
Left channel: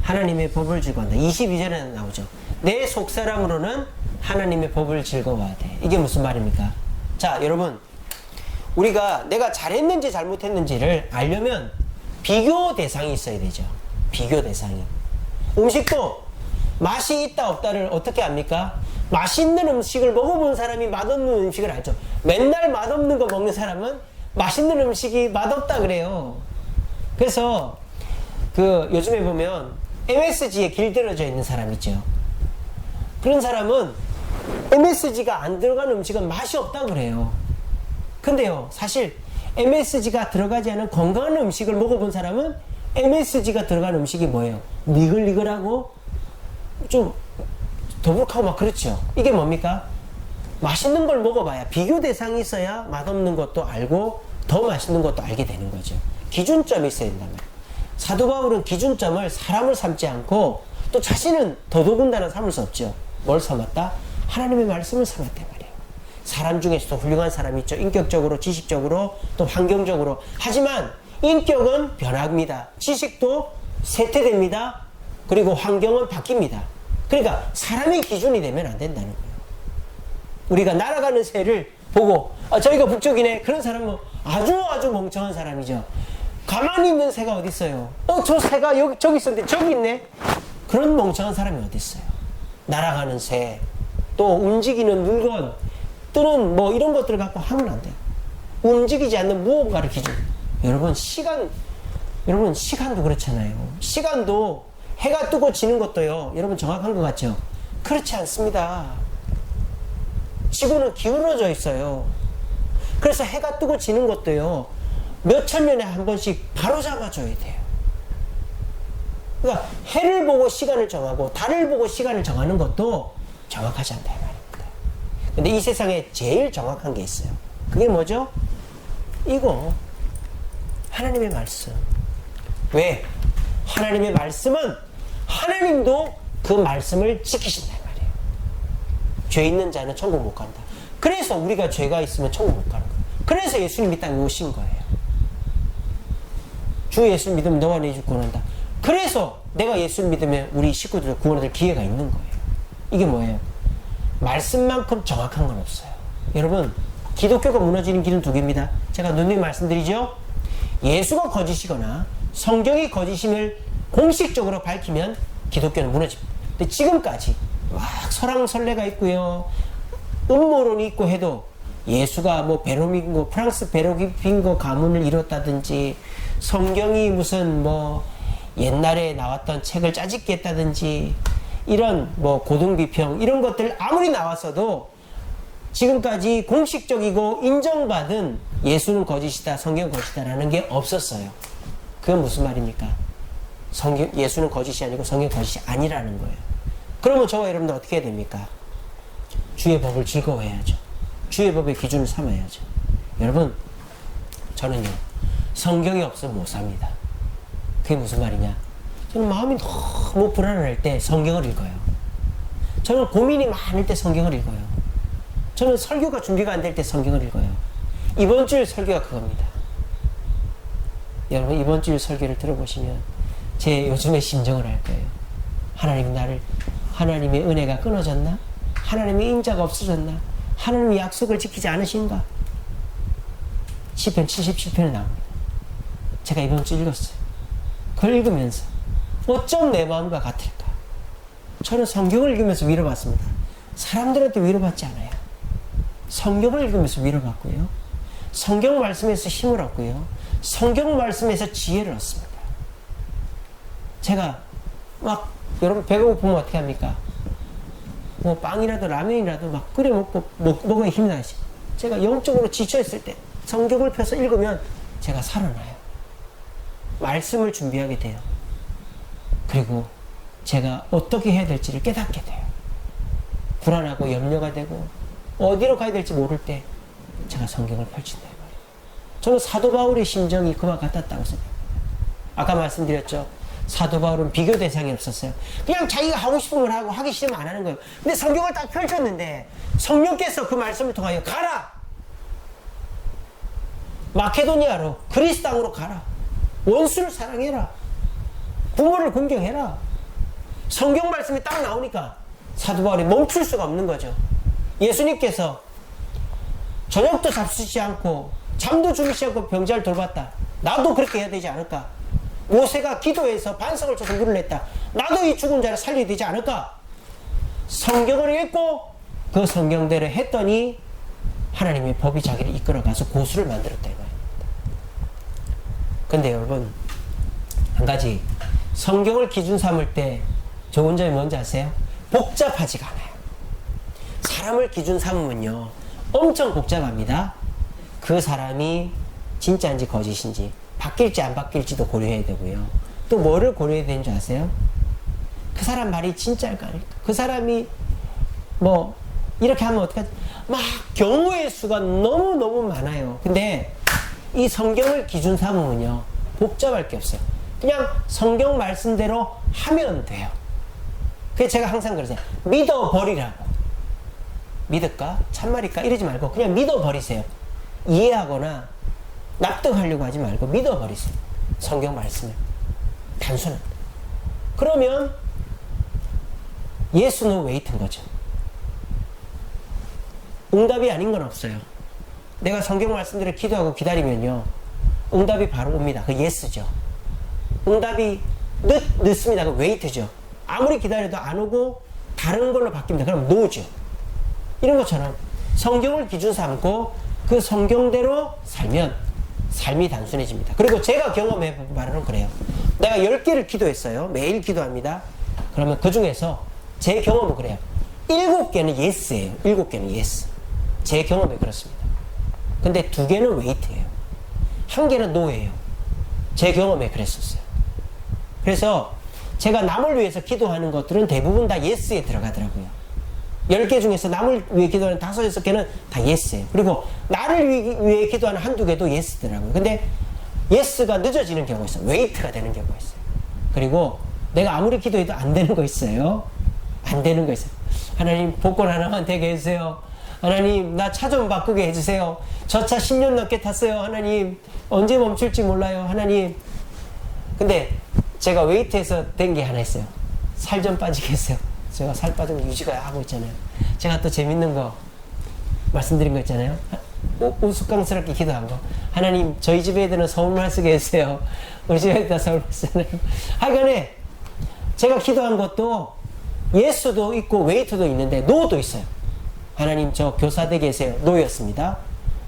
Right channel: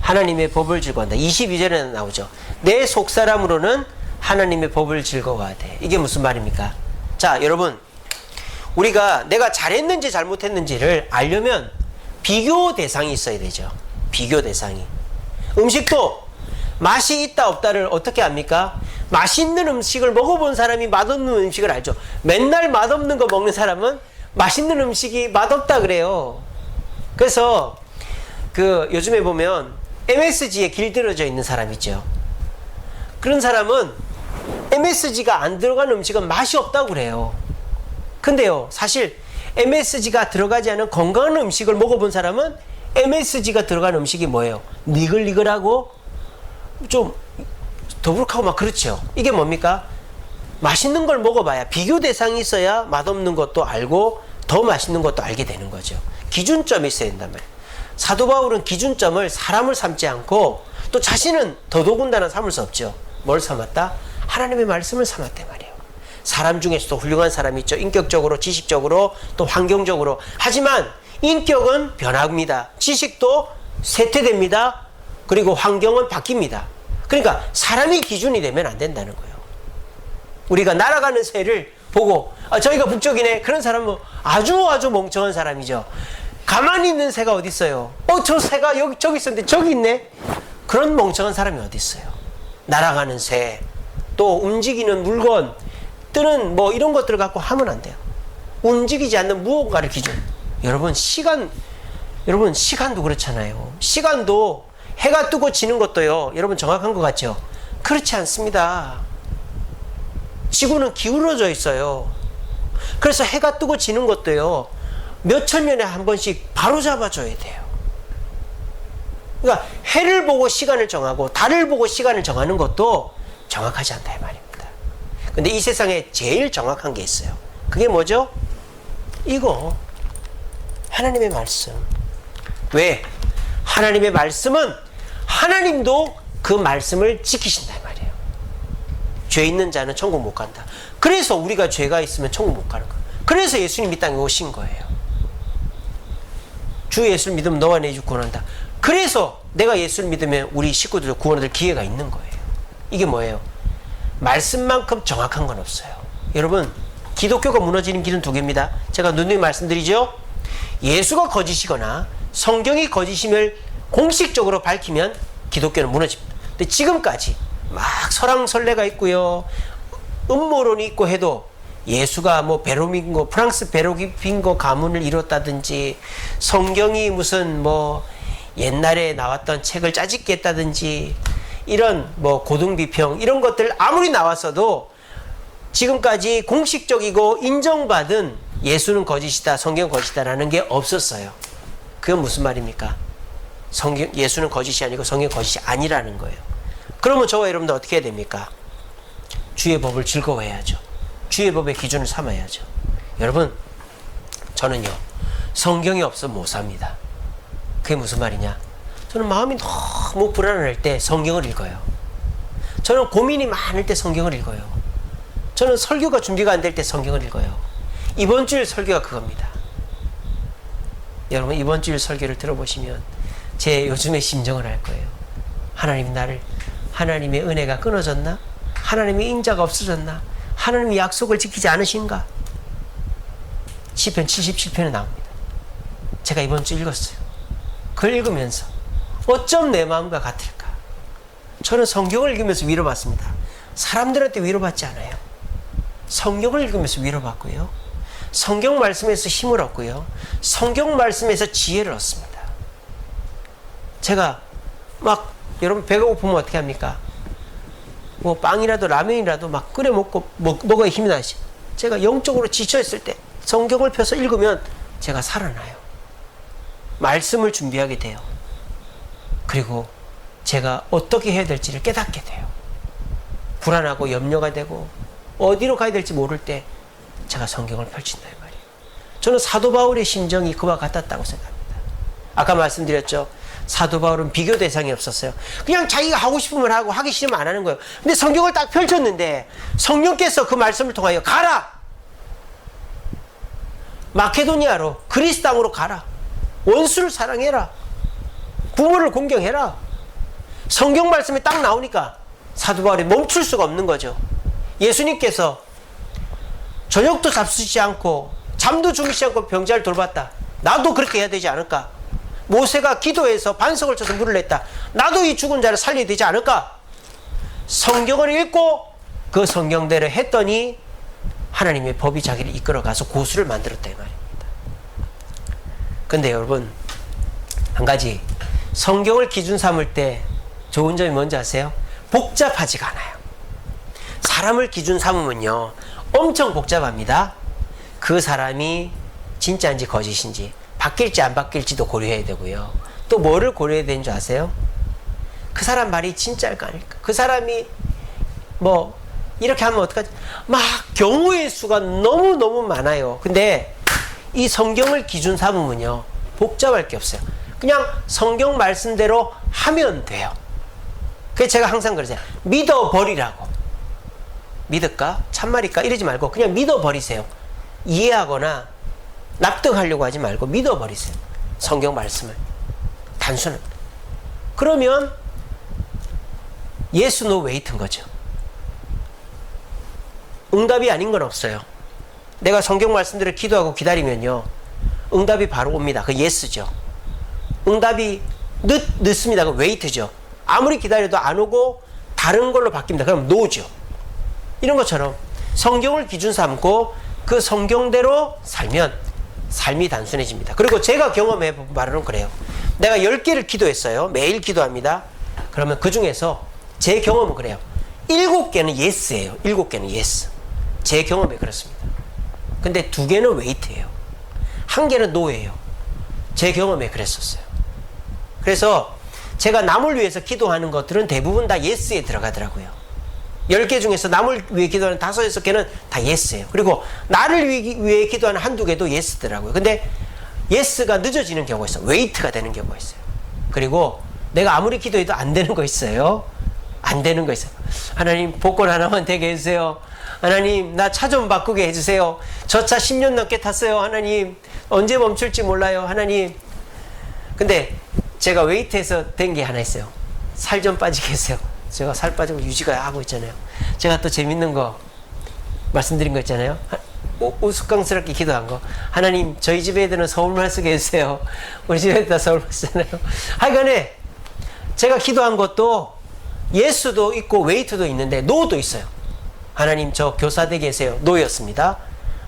하나님의 법을 즐거워한다. 22절에 나오죠. 내 속사람으로는 하나님의 법을 즐거워하되. 이게 무슨 말입니까? 자, 여러분, 우리가 내가 잘했는지 잘못했는지를 알려면 비교 대상이 있어야 되죠. 비교 대상이. 음식도 맛이 있다 없다를 어떻게 압니까? 맛있는 음식을 먹어본 사람이 맛없는 음식을 알죠. 맨날 맛없는 거 먹는 사람은 맛있는 음식이 맛없다 그래요. 그래서 그 요즘에 보면 MSG에 길들여져 있는 사람 있죠. 그런 사람은 MSG가 안 들어간 음식은 맛이 없다고 그래요. 근데요, 사실 MSG가 들어가지 않은 건강한 음식을 먹어본 사람은 MSG가 들어간 음식이 뭐예요? 니글니글하고 좀 더부룩하고 막 그렇죠. 이게 뭡니까? 맛있는 걸 먹어봐야, 비교 대상이 있어야 맛없는 것도 알고 더 맛있는 것도 알게 되는 거죠. 기준점이 있어야 된단 말이에요. 사도 바울은 기준점을 사람을 삼지 않고 또 자신은 더더군다나 삼을 수 없죠. 뭘 삼았다? 하나님의 말씀을 삼았단 말이에요. 사람 중에서도 훌륭한 사람이 있죠. 인격적으로, 지식적으로, 또 환경적으로. 하지만 인격은 변합니다. 지식도 쇠퇴됩니다. 그리고 환경은 바뀝니다. 그러니까 사람이 기준이 되면 안 된다는 거예요. 우리가 날아가는 새를 보고 저희가 북쪽이네. 그런 사람은 아주 멍청한 사람이죠. 가만히 있는 새가 어디 있어요? 저 새가 저기 있었는데 저기 있네. 그런 멍청한 사람이 어디 있어요? 날아가는 새, 또 움직이는 물건, 뜨는 뭐 이런 것들을 갖고 하면 안 돼요. 움직이지 않는 무언가를 기준. 여러분 시간도 그렇잖아요. 시간도 해가 뜨고 지는 것도요. 여러분 정확한 것 같죠? 그렇지 않습니다. 지구는 기울어져 있어요. 그래서 해가 뜨고 지는 것도요. 몇천 년에 한 번씩 바로 잡아줘야 돼요. 그러니까 해를 보고 시간을 정하고 달을 보고 시간을 정하는 것도 정확하지 않다 이 말입니다. 근데 이 세상에 제일 정확한 게 있어요. 그게 뭐죠? 이거 하나님의 말씀. 왜? 하나님의 말씀은 하나님도 그 말씀을 지키신다 이 말이에요. 죄 있는 자는 천국 못 간다. 그래서 우리가 죄가 있으면 천국 못 가는 거예요. 그래서 예수님이 이 땅에 오신 거예요. 주 예수를 믿으면 너와 내 주 구원한다. 그래서 내가 예수를 믿으면 우리 식구들 구원 얻을 기회가 있는 거예요. 이게 뭐예요? 말씀만큼 정확한 건 없어요. 여러분, 기독교가 무너지는 길은 두 개입니다. 제가 누누이 말씀드리죠. 예수가 거짓이거나 성경이 거짓임을 공식적으로 밝히면 기독교는 무너집니다. 근데 지금까지 막 설왕설래가 있고요. 음모론이 있고 해도 예수가 뭐 베로밍고 프랑스 베로빙고 가문을 이뤘다든지 성경이 무슨 뭐 옛날에 나왔던 책을 짜집게 했다든지 이런 뭐 고등비평 이런 것들 아무리 나왔어도 지금까지 공식적이고 인정받은 예수는 거짓이다, 성경은 거짓이다라는 게 없었어요. 그건 무슨 말입니까? 예수는 거짓이 아니고 성경은 거짓이 아니라는 거예요. 그러면 저와 여러분들 어떻게 해야 됩니까? 주의 법을 즐거워해야죠. 주의 법의 기준을 삼아야죠. 여러분, 저는요, 성경이 없으면 못 삽니다. 그게 무슨 말이냐? 저는 마음이 너무 불안할 때 성경을 읽어요. 저는 고민이 많을 때 성경을 읽어요. 저는 설교가 준비가 안 될 때 성경을 읽어요. 이번 주일 설교가 그겁니다. 여러분, 이번 주일 설교를 들어보시면 제 요즘의 심정을 알 거예요. 하나님의 은혜가 끊어졌나? 하나님의 인자가 없어졌나? 하나님의 약속을 지키지 않으신가? 시편 77편에 나옵니다. 제가 이번 주 읽었어요. 그걸 읽으면서 어쩜 내 마음과 같을까? 저는 성경을 읽으면서 위로받습니다. 사람들한테 위로받지 않아요. 성경을 읽으면서 위로받고요. 성경 말씀에서 힘을 얻고요. 성경 말씀에서 지혜를 얻습니다. 제가 막 여러분 배가 고프면 어떻게 합니까? 뭐 빵이라도 라면이라도 막 끓여 먹어야 힘이 나지. 제가 영적으로 지쳐있을 때 성경을 펴서 읽으면 제가 살아나요. 말씀을 준비하게 돼요. 그리고 제가 어떻게 해야 될지를 깨닫게 돼요. 불안하고 염려가 되고 어디로 가야 될지 모를 때 제가 성경을 펼친다 이 말이에요. 저는 사도 바울의 심정이 그와 같았다고 생각합니다. 아까 말씀드렸죠. 사도 바울은 비교 대상이 없었어요. 그냥 자기가 하고 싶으면 하고 하기 싫으면 안 하는 거예요. 근데 성경을 딱 펼쳤는데 성령께서 그 말씀을 통하여 가라! 마케도니아로 그리스 땅으로 가라. 원수를 사랑해라. 부모를 공경해라. 성경 말씀이 딱 나오니까 사도 바울이 멈출 수가 없는 거죠. 예수님께서 저녁도 잡수지 않고 잠도 주무시지 않고 병자를 돌봤다. 나도 그렇게 해야 되지 않을까? 모세가 기도해서 반석을 쳐서 물을 냈다. 나도 이 죽은 자를 살려야 되지 않을까? 성경을 읽고 그 성경대로 했더니 하나님의 법이 자기를 이끌어가서 고수를 만들었다 이 말입니다. 근데 여러분, 한 가지 성경을 기준 삼을 때 좋은 점이 뭔지 아세요? 복잡하지가 않아요. 사람을 기준 삼으면요 엄청 복잡합니다. 그 사람이 진짜인지 거짓인지 바뀔지 안 바뀔지도 고려해야 되고요. 또 뭐를 고려해야 되는 줄 아세요? 그 사람 말이 진짜일까 아닐까? 그 사람이 뭐 이렇게 하면 어떡하지? 막 경우의 수가 너무너무 많아요. 근데 이 성경을 기준 삼으면요 복잡할 게 없어요. 그냥 성경 말씀대로 하면 돼요. 그래서 제가 항상 그러세요. 믿어버리라고. 믿을까? 참말일까? 이러지 말고 그냥 믿어버리세요. 이해하거나 납득하려고 하지 말고 믿어버리세요. 성경 말씀을. 단순합니다. 그러면 yes, no, wait인 거죠. 응답이 아닌 건 없어요. 내가 성경 말씀대로 기도하고 기다리면요, 응답이 바로 옵니다. 그 yes죠. 응답이 늦습니다. 그 wait죠. 아무리 기다려도 안 오고 다른 걸로 바뀝니다. 그럼 no죠. 이런 것처럼 성경을 기준 삼고 그 성경대로 살면 삶이 단순해집니다. 그리고 제가 경험해 본 바로는 그래요. 내가 10개를 기도했어요. 매일 기도합니다. 그러면 그 중에서 제 경험은 그래요. 7개는 yes예요. 7개는 yes. 제 경험에 그렇습니다. 근데 2개는 wait예요. 1개는 no예요. 제 경험에 그랬었어요. 그래서 제가 남을 위해서 기도하는 것들은 대부분 다 yes에 들어가더라고요. 10개 중에서 남을 위해 기도하는 5, 6개는 다 yes예요. 그리고 나를 위해 기도하는 1, 2개도 yes더라고요. 근데 yes가 늦어지는 경우가 있어요. wait가 되는 경우가 있어요. 그리고 내가 아무리 기도해도 안 되는 거 있어요. 안 되는 거 있어요. 하나님, 복권 하나만 되게 해주세요. 하나님, 나 차 좀 바꾸게 해주세요. 저 차 10년 넘게 탔어요. 하나님, 언제 멈출지 몰라요. 하나님. 근데 제가 웨이트에서 된 게 하나 있어요. 살 좀 빠지게 했어요. 제가 살 빠지고 유지가 하고 있잖아요. 제가 또 재밌는 거 말씀드린 거 있잖아요. 우스꽝스럽게 기도한 거. 하나님, 저희 집 애들은 서울말 쓰게 해주세요. 우리 집 애들 다 서울말 쓰잖아요. 하여간에 제가 기도한 것도 예수도 있고 웨이트도 있는데 노도 있어요. 하나님, 저 교사 되게 해주세요. 노였습니다.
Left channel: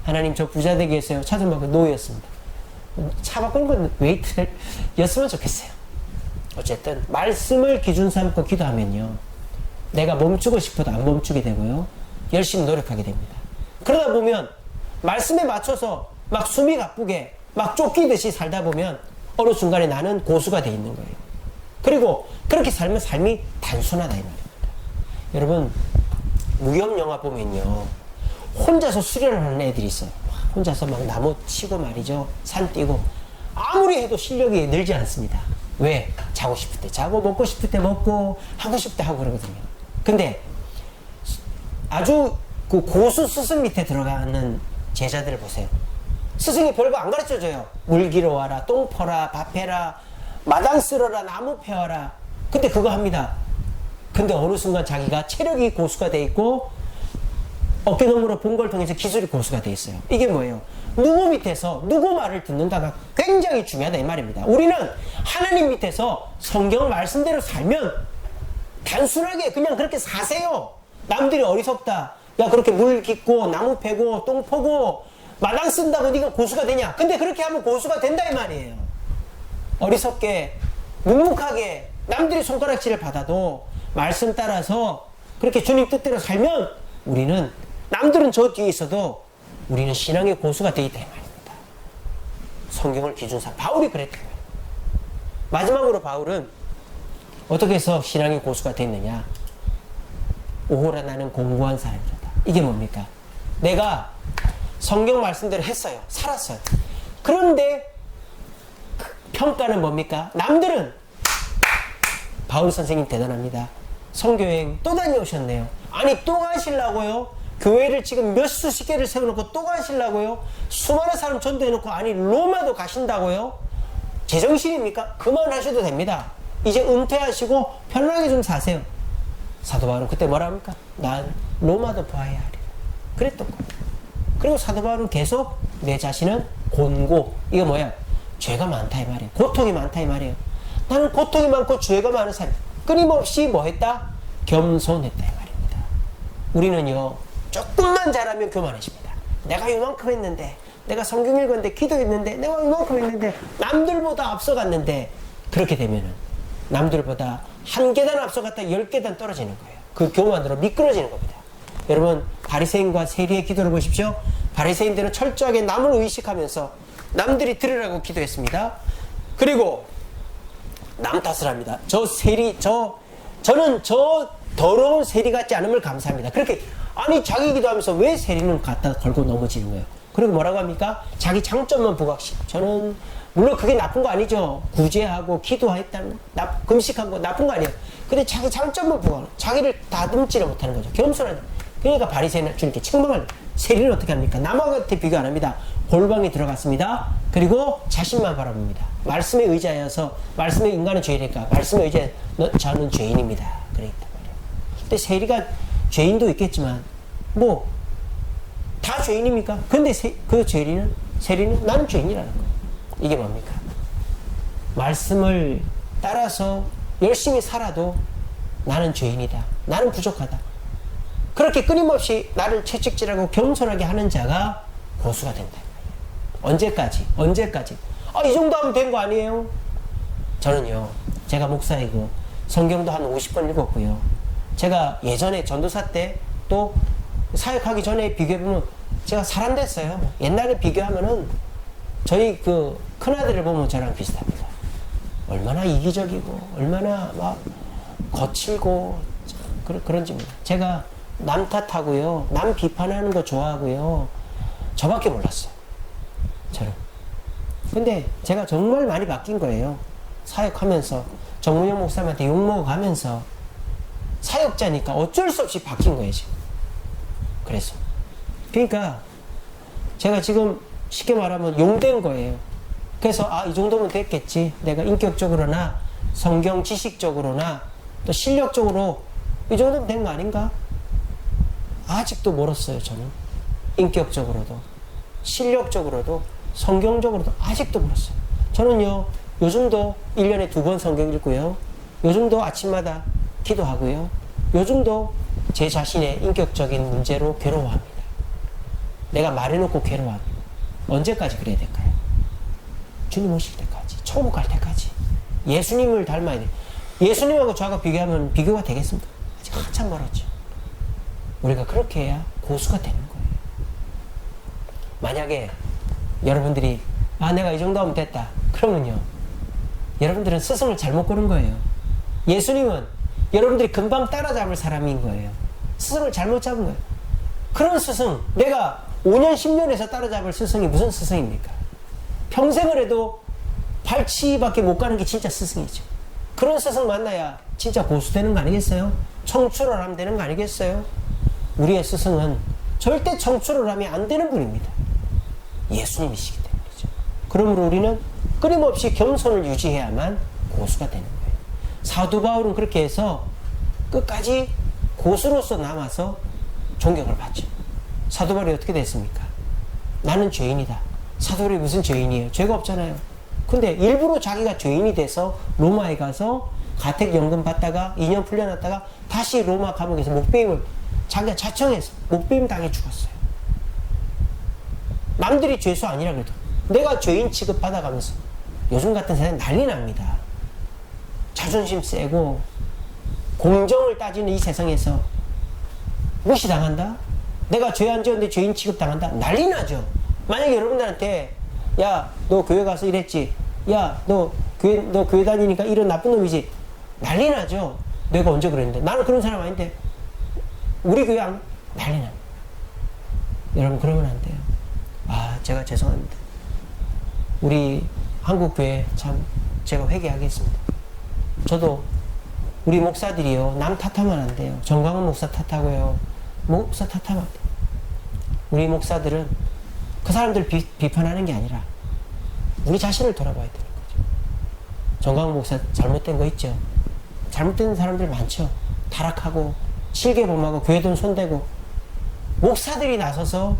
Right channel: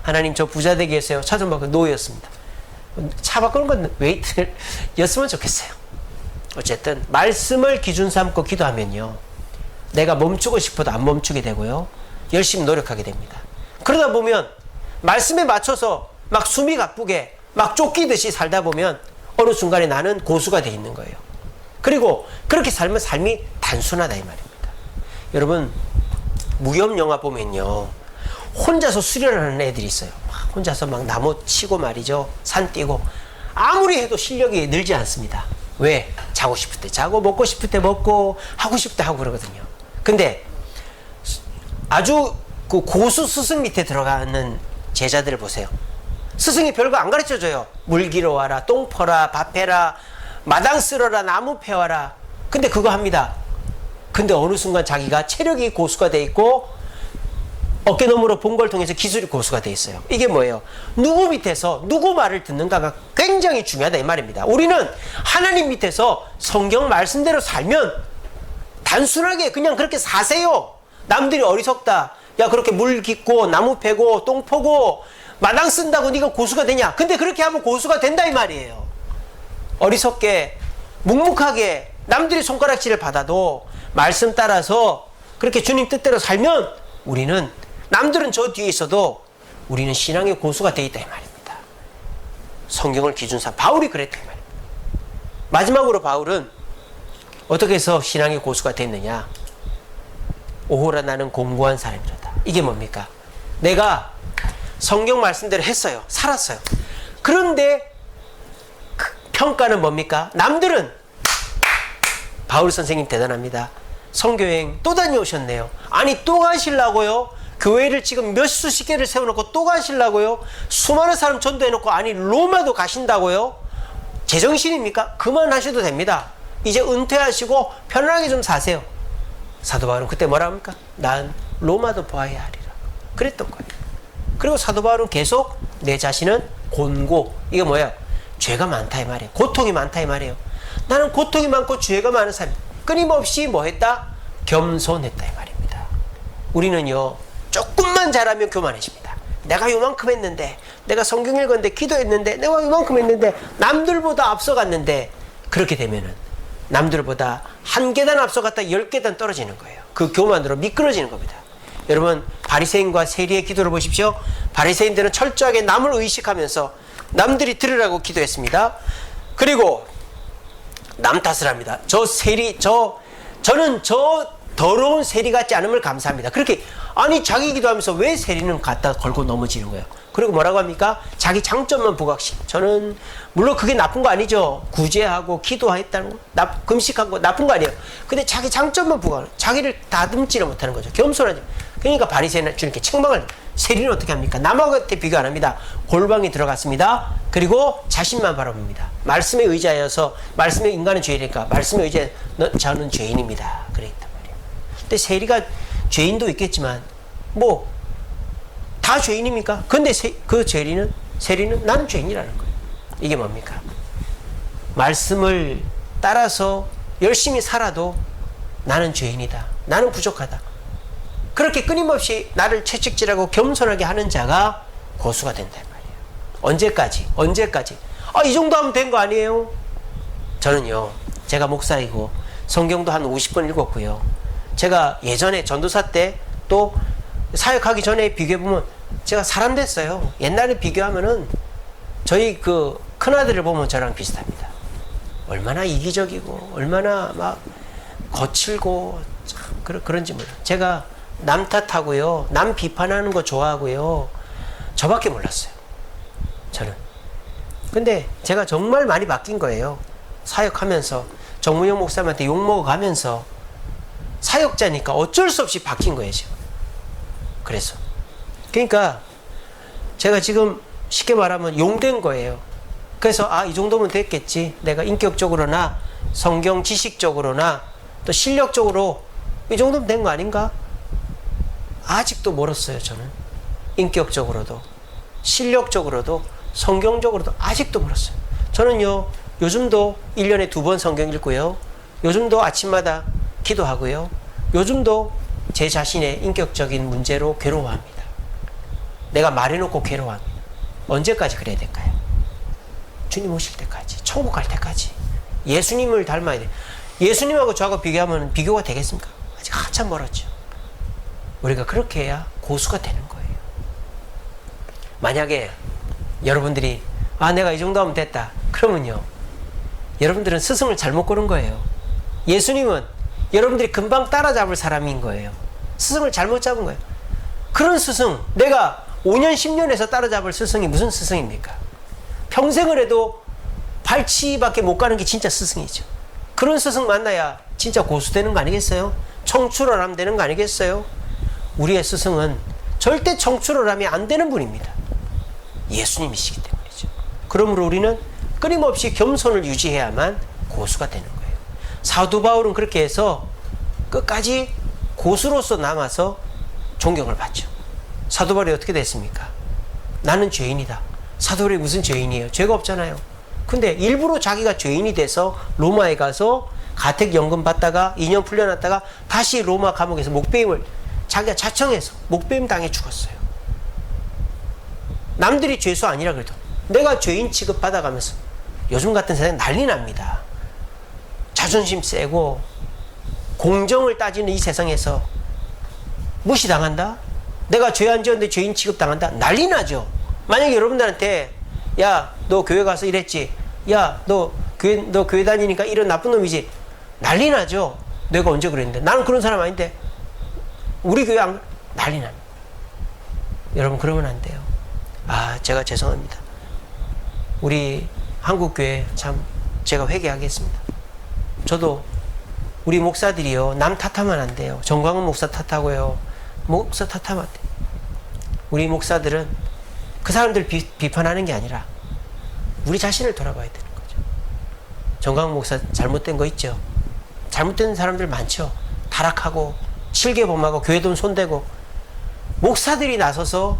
하나님, 저 부자 되게 해주세요. 차 좀 바꾸고 노였습니다. 차 바꾸는 건 웨이트였으면 좋겠어요. 어쨌든 말씀을 기준 삼고 기도하면요, 내가 멈추고 싶어도 안 멈추게 되고요, 열심히 노력하게 됩니다. 그러다 보면 말씀에 맞춰서 막 숨이 가쁘게 막 쫓기듯이 살다 보면 어느 순간에 나는 고수가 돼 있는 거예요. 그리고 그렇게 살면 삶이 단순하다 이 말입니다. 여러분, 무협 영화 보면요, 혼자서 수련하는 애들이 있어요. 혼자서 막 나무 치고 말이죠, 산 뛰고. 아무리 해도 실력이 늘지 않습니다. 왜? 자고 싶을 때 자고, 먹고 싶을 때 먹고, 하고 싶을 때 하고 그러거든요. 근데 아주 그 고수 스승 밑에 들어가는 제자들을 보세요. 스승이 별거 안 가르쳐줘요. 물 기러 와라, 똥 퍼라, 밥 해라, 마당 쓸어라, 나무 패와라. 근데 그거 합니다. 근데 어느 순간 자기가 체력이 고수가 돼 있고 어깨너머로 본 걸 통해서 기술이 고수가 돼 있어요. 이게 뭐예요? 누구 밑에서 누구 말을 듣는가가 굉장히 중요하다 이 말입니다. 우리는 하나님 밑에서 성경 말씀대로 살면 단순하게 그냥 그렇게 사세요. 남들이 어리석다, 야 그렇게 물 깃고 나무 패고 똥 퍼고 마당 쓴다고 네가 고수가 되냐? 근데 그렇게 하면 고수가 된다 이 말이에요. 어리석게 묵묵하게 남들이 손가락질을 받아도 말씀 따라서 그렇게 주님 뜻대로 살면 우리는, 남들은 저 뒤에 있어도 우리는 신앙의 고수가 되어 있다 이 말입니다. 성경을 기준 삼아 바울이 그랬다 이 말입니다. 마지막으로 바울은 어떻게 해서 신앙의 고수가 됐느냐? 오호라 나는 공고한 사람이로다. 이게 뭡니까? 내가 성경 말씀대로 했어요. 살았어요. 그런데 그 평가는 뭡니까? 남들은 바울 선생님 대단합니다. 선교여행 또 다녀오셨네요. 아니 또 가시려고요? 교회를 지금 몇 수십 개를 세워놓고 또 가시려고요? 수많은 사람 전도해놓고 아니 로마도 가신다고요? 제정신입니까? 그만하셔도 됩니다. 이제 은퇴하시고 편안하게 좀 사세요. 사도 바울은 그때 뭐라 합니까? 난 로마도 보아야 하리라. 그랬던 거예요. 그리고 사도 바울은 계속 내 자신은 곤고, 이거 뭐예요? 죄가 많다 이 말이에요. 고통이 많다 이 말이에요. 나는 고통이 많고 죄가 많은 사람. 끊임없이 뭐 했다? 겸손했다 이 말입니다. 우리는요, 조금만 잘하면 교만해집니다. 내가 요만큼 했는데, 내가 성경 읽었는데, 기도했는데, 내가 요만큼 했는데, 남들보다 앞서갔는데, 그렇게 되면은 남들보다 한 계단 앞서갔다 10계단 떨어지는 거예요. 그 교만으로 미끄러지는 겁니다. 여러분, 바리새인과 세리의 기도를 보십시오. 바리새인들은 철저하게 남을 의식하면서 남들이 들으라고 기도했습니다. 그리고 남 탓을 합니다. 저 세리, 저는 저 더러운 세리 같지 않음을 감사합니다. 그렇게, 아니 자기 기도하면서 왜 세리는 갖다 걸고 넘어지는 거예요? 그리고 뭐라고 합니까? 자기 장점만 부각시. 저는 물론 그게 나쁜 거 아니죠. 구제하고 기도했다는 거, 금식한 거 나쁜 거 아니에요. 근데 자기 장점만 부각하는, 자기를 다듬지를 못하는 거죠. 겸손하죠. 그러니까 바리새인은 주님께 책망을, 세리는 어떻게 합니까? 남하고 비교 안 합니다. 골방에 들어갔습니다. 그리고 자신만 바라봅니다. 말씀에 의지하여서, 말씀에 인간은 죄이니까 말씀에 의지해 저는 죄인입니다. 그랬단 말이에요. 근데 세리가 죄인도 있겠지만 뭐 다 죄인입니까? 근데 그 세리는 나는 죄인이라는 거예요. 이게 뭡니까? 말씀을 따라서 열심히 살아도 나는 죄인이다. 나는 부족하다. 그렇게 끊임없이 나를 채찍질하고 겸손하게 하는 자가 고수가 된단 말이에요. 언제까지? 이 정도 하면 된 거 아니에요? 저는요, 제가 목사이고 성경도 한 50번 읽었고요. 제가 예전에 전도사 때 또 사역하기 전에 비교해보면 제가 사람 됐어요. 옛날에 비교하면은 저희 그 큰아들을 보면 저랑 비슷합니다. 얼마나 이기적이고 얼마나 막 거칠고 참 그런지 몰라요. 제가 남 탓하고요, 남 비판하는 거 좋아하고요, 저밖에 몰랐어요. 저는. 근데 제가 정말 많이 바뀐 거예요. 사역하면서 정문영 목사님한테 욕먹어가면서 사역자니까 어쩔 수 없이 바뀐 거예요, 지금. 그래서 그러니까 제가 지금 쉽게 말하면 용된 거예요. 그래서 이 정도면 됐겠지. 내가 인격적으로나 성경 지식적으로나 또 실력적으로 이 정도면 된 거 아닌가? 아직도 멀었어요, 저는. 인격적으로도 실력적으로도 성경적으로도 아직도 멀었어요. 저는요, 요즘도 1년에 2번 성경 읽고요, 요즘도 아침마다 기도하고요, 요즘도 제 자신의 인격적인 문제로 괴로워합니다. 내가 말해놓고 괴로워합니다. 언제까지 그래야 될까요? 주님 오실 때까지, 천국 갈 때까지 예수님을 닮아야 돼요. 예수님하고 저하고 비교하면 비교가 되겠습니까? 아직 한참 멀었죠. 우리가 그렇게 해야 고수가 되는 거예요. 만약에 여러분들이 내가 이 정도 하면 됐다, 그러면요, 여러분들은 스승을 잘못 고른 거예요. 예수님은 여러분들이 금방 따라잡을 사람인 거예요. 스승을 잘못 잡은 거예요. 그런 스승, 내가 5년 10년에서 따라잡을 스승이 무슨 스승입니까? 평생을 해도 발치밖에 못 가는 게 진짜 스승이죠. 그런 스승 만나야 진짜 고수 되는 거 아니겠어요? 청출을 하면 되는 거 아니겠어요? 우리의 스승은 절대 청출을 하면 안 되는 분입니다. 예수님이시기 때문이죠. 그러므로 우리는 끊임없이 겸손을 유지해야만 고수가 되는 거예요. 사도 바울은 그렇게 해서 끝까지 고수로서 남아서 존경을 받죠. 사도 바울이 어떻게 됐습니까? 나는 죄인이다. 사도 바울이 무슨 죄인이에요? 죄가 없잖아요. 근데 일부러 자기가 죄인이 돼서 로마에 가서 가택연금 받다가 2년 풀려났다가 다시 로마 감옥에서 목배임을 자기가 자청해서 목배임 당해 죽었어요. 남들이 죄수 아니라 그래도 내가 죄인 취급 받아가면서, 요즘 같은 세상에 난리 납니다. 자존심 세고 공정을 따지는 이 세상에서 무시당한다? 내가 죄 안 지었는데 죄인 취급당한다? 난리 나죠. 만약에 여러분들한테 야, 너 교회 가서 이랬지, 야, 너 교회 다니니까 이런 나쁜 놈이지, 난리 나죠. 내가 언제 그랬는데, 나는 그런 사람 아닌데, 우리 교회 난리 납니다. 여러분, 그러면 안 돼요. 제가 죄송합니다. 우리 한국교회 참 제가 회개하겠습니다. 저도 우리 목사들이요, 남 탓하면 안 돼요. 정광훈 목사 탓하고요, 목사 탓하면 안 돼요. 우리 목사들은 그 사람들 비판하는 게 아니라 우리 자신을 돌아봐야 되는 거죠. 정광훈 목사 잘못된 거 있죠. 잘못된 사람들 많죠. 타락하고 실개범하고 교회 돈 손대고. 목사들이 나서서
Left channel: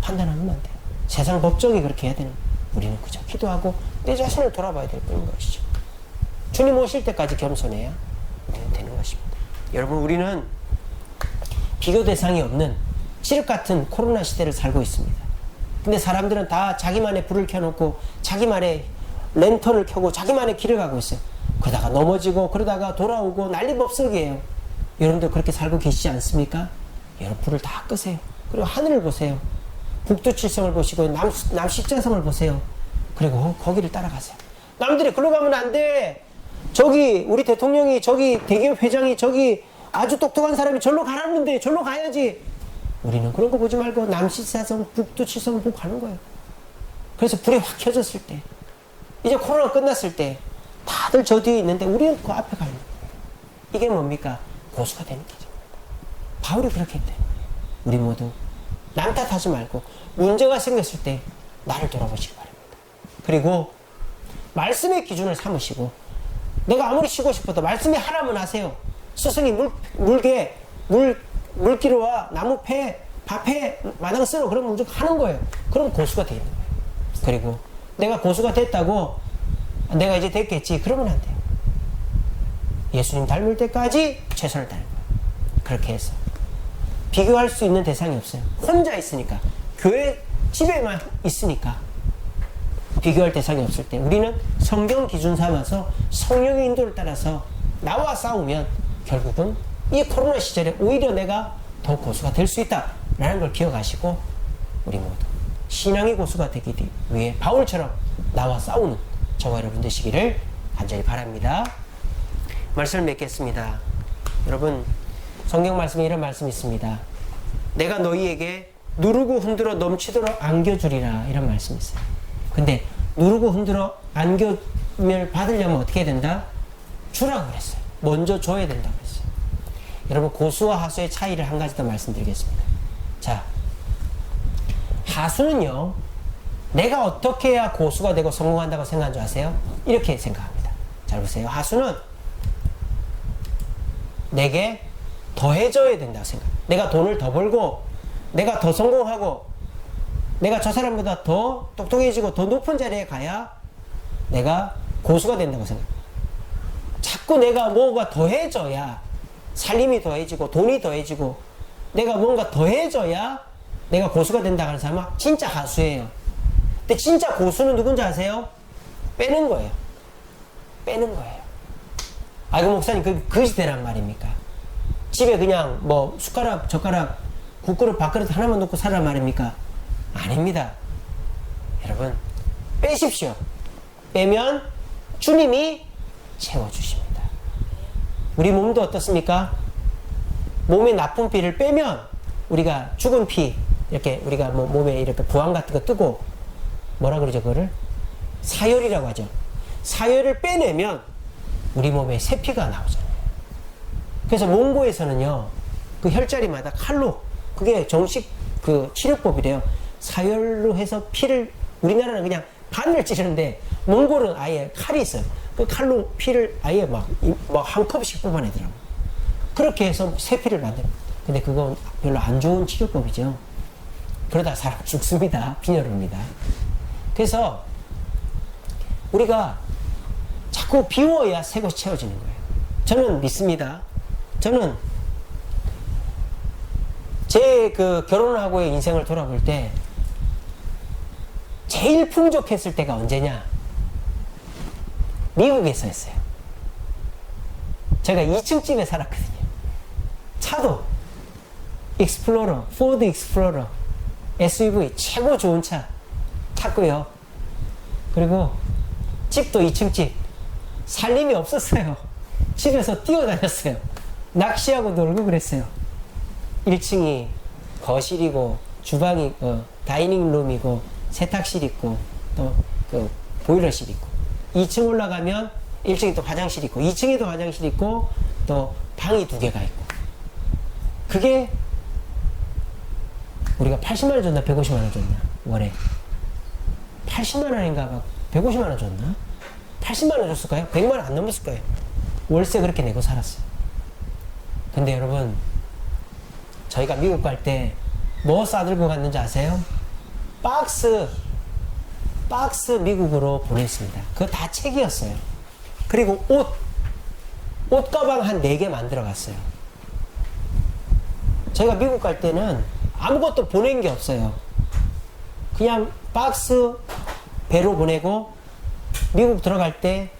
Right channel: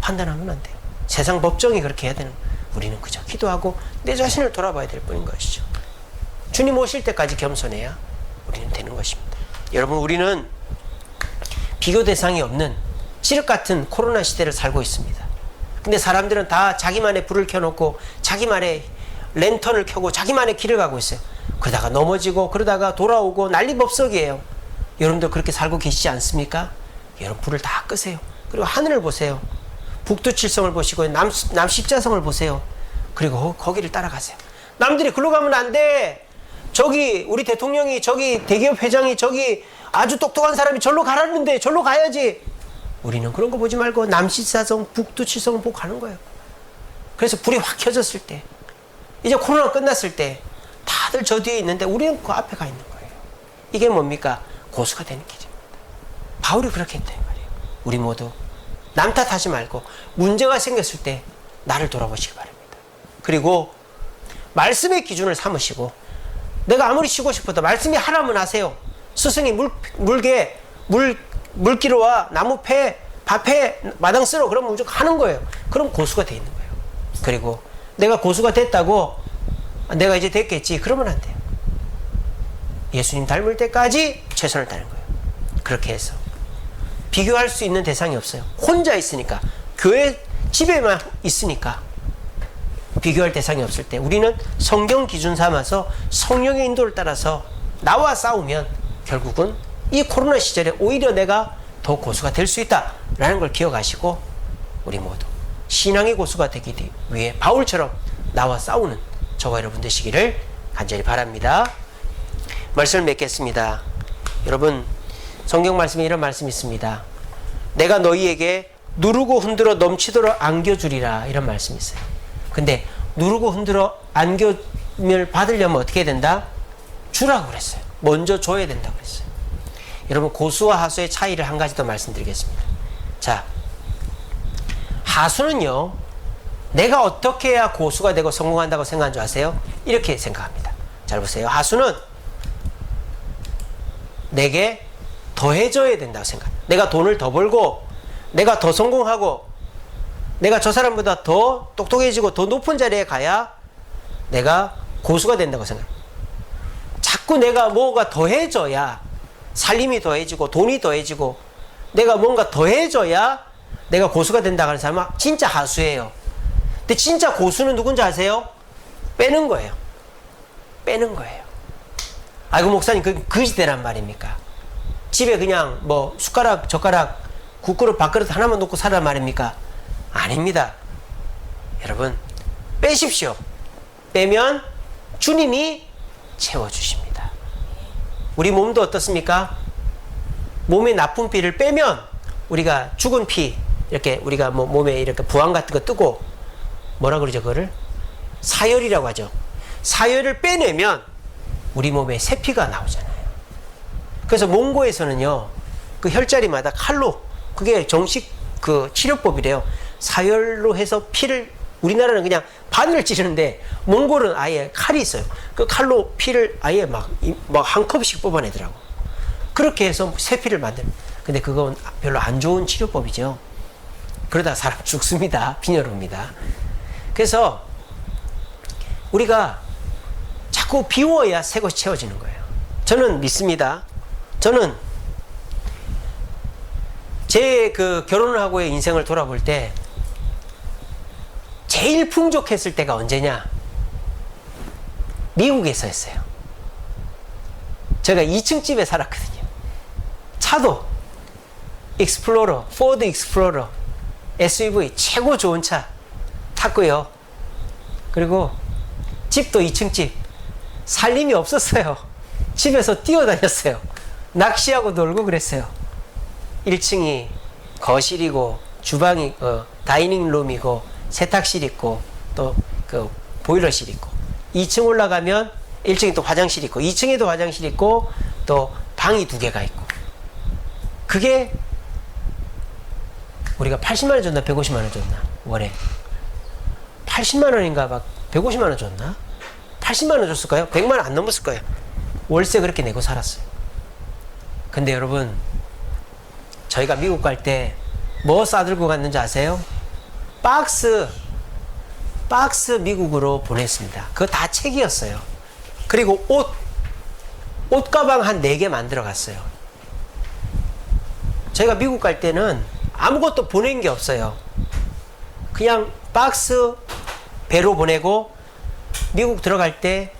판단하면 안 돼요. 세상 법정이 그렇게 해야 되는 거예요. 우리는 그저 기도하고 내 자신을 돌아봐야 될 뿐인 것이죠. 주님 오실 때까지 겸손해야 우리는 되는 것입니다. 여러분, 우리는 비교 대상이 없는 칠흑 같은 코로나 시대를 살고 있습니다. 근데 사람들은 다 자기만의 불을 켜놓고 자기만의 랜턴을 켜고 자기만의 길을 가고 있어요. 그러다가 넘어지고 그러다가 돌아오고 난리법석이에요. 여러분들 그렇게 살고 계시지 않습니까? 여러분, 불을 다 끄세요. 그리고 하늘을 보세요. 북두칠성을 보시고 남십자성을 보세요. 그리고 거기를 따라가세요. 남들이 글로 가면 안 돼. 저기 우리 대통령이, 저기 대기업 회장이, 저기 아주 똑똑한 사람이 절로 가라는데 절로 가야지. 우리는 그런 거 보지 말고 남십자성, 북두칠성을 보고 가는 거예요. 그래서 불이 확 켜졌을 때 이제 코로나 끝났을 때 다들 저 뒤에 있는데 우리는 그 앞에 가 있는 거예요. 이게 뭡니까? 고수가 되는 길입니다. 바울이 그렇게 했다 말이에요. 우리 모두 남 탓하지 말고 문제가 생겼을 때 나를 돌아보시기 바랍니다. 그리고 말씀의 기준을 삼으시고, 내가 아무리 쉬고 싶어도 말씀이 하라면 하세요. 스승이 물기로와 나무 패, 밭에 마당 쓸어, 그러면 무조건 하는 거예요. 그럼 고수가 돼 있는 거예요. 그리고 내가 고수가 됐다고 내가 이제 됐겠지, 그러면 안 돼요. 예수님 닮을 때까지 최선을 다하는 거예요. 그렇게 해서 비교할 수 있는 대상이 없어요. 혼자 있으니까, 교회 집에만 있으니까 비교할 대상이 없을 때 우리는 성경 기준 삼아서 성령의 인도를 따라서 나와 싸우면 결국은 이 코로나 시절에 오히려 내가 더 고수가 될 수 있다라는 걸 기억하시고, 우리 모두 신앙의 고수가 되기 위해 바울처럼 나와 싸우는 저와 여러분 되시기를 간절히 바랍니다. 말씀을 맺겠습니다. 여러분, 성경 말씀에 이런 말씀이 있습니다. 내가 너희에게 누르고 흔들어 넘치도록 안겨주리라, 이런 말씀이 있어요. 근데 누르고 흔들어 안겨을 받으려면 어떻게 된다? 주라고 그랬어요. 먼저 줘야 된다고 그랬어요. 여러분, 고수와 하수의 차이를 한 가지 더 말씀드리겠습니다. 자, 하수는요, 내가 어떻게 해야 고수가 되고 성공한다고 생각한 줄 아세요? 이렇게 생각합니다. 잘 보세요. 하수는 내게 더해줘야 된다고 생각합니다. 내가 돈을 더 벌고, 내가 더 성공하고, 내가 저 사람보다 더 똑똑해지고 더 높은 자리에 가야 내가 고수가 된다고 생각합니다. 자꾸 내가 뭐가 더해져야 살림이 더해지고 돈이 더해지고 내가 뭔가 더해져야 내가 고수가 된다 하는 사람은 진짜 하수예요. 근데 진짜 고수는 누군지 아세요? 빼는 거예요. 빼는 거예요. 아이고 목사님, 그 거짓대란 말입니까? 집에 그냥 뭐 숟가락 젓가락 국그릇 밥그릇 하나만 놓고 살란 말입니까? 아닙니다. 여러분, 빼십시오. 빼면 주님이 채워주십니다. 우리 몸도 어떻습니까? 몸의 나쁜 피를 빼면, 우리가 죽은 피, 이렇게 우리가 뭐 몸에 이렇게 부항 같은 거 뜨고, 뭐라 그러죠? 그거를? 사열이라고 하죠. 사열을 빼내면 우리 몸에 새 피가 나오잖아요. 그래서 몽고에서는요, 그 혈자리마다 칼로, 그게 정식 그 치료법이래요. 사열로 해서 피를, 우리나라는 그냥 바늘을 찌르는데 몽골은 아예 칼이 있어요. 그 칼로 피를 아예 막 한 컵씩 뽑아내더라고. 그렇게 해서 새 피를 만들어. 근데 그건 별로 안 좋은 치료법이죠. 그러다 사람 죽습니다. 빈혈입니다. 그래서 우리가 자꾸 비워야 새 것이 채워지는 거예요. 저는 믿습니다. 저는 제 그 결혼을 하고의 인생을 돌아볼 때 제일 풍족했을 때가 언제냐? 미국에서 했어요. 제가 2층 집에 살았거든요. 차도 익스플로러, 포드 익스플로러, SUV 최고 좋은 차 탔고요. 그리고 집도 2층 집. 살림이 없었어요. 집에서 뛰어다녔어요. 낚시하고 놀고 그랬어요. 1층이 거실이고 주방이 다이닝 룸이고 세탁실 있고 또 그 보일러실 있고, 2층 올라가면 1층에 또 화장실 있고 2층에도 화장실 있고 또 방이 2개가 있고. 그게 우리가 80만 원 줬나 150만 원 줬나 월에 80만 원인가 막 150만 원 줬나 80만 원 줬을까요? 100만 원 안 넘었을 거예요. 월세 그렇게 내고 살았어요. 근데 여러분, 저희가 미국 갈 때 뭐 싸들고 갔는지 아세요? 박스 미국으로 보냈습니다. 그거 다 책이었어요. 그리고 옷 가방 한 4개 만들어 갔어요. 저희가 미국 갈 때는 아무것도 보낸 게 없어요. 그냥 박스 배로 보내고, 미국 들어갈 때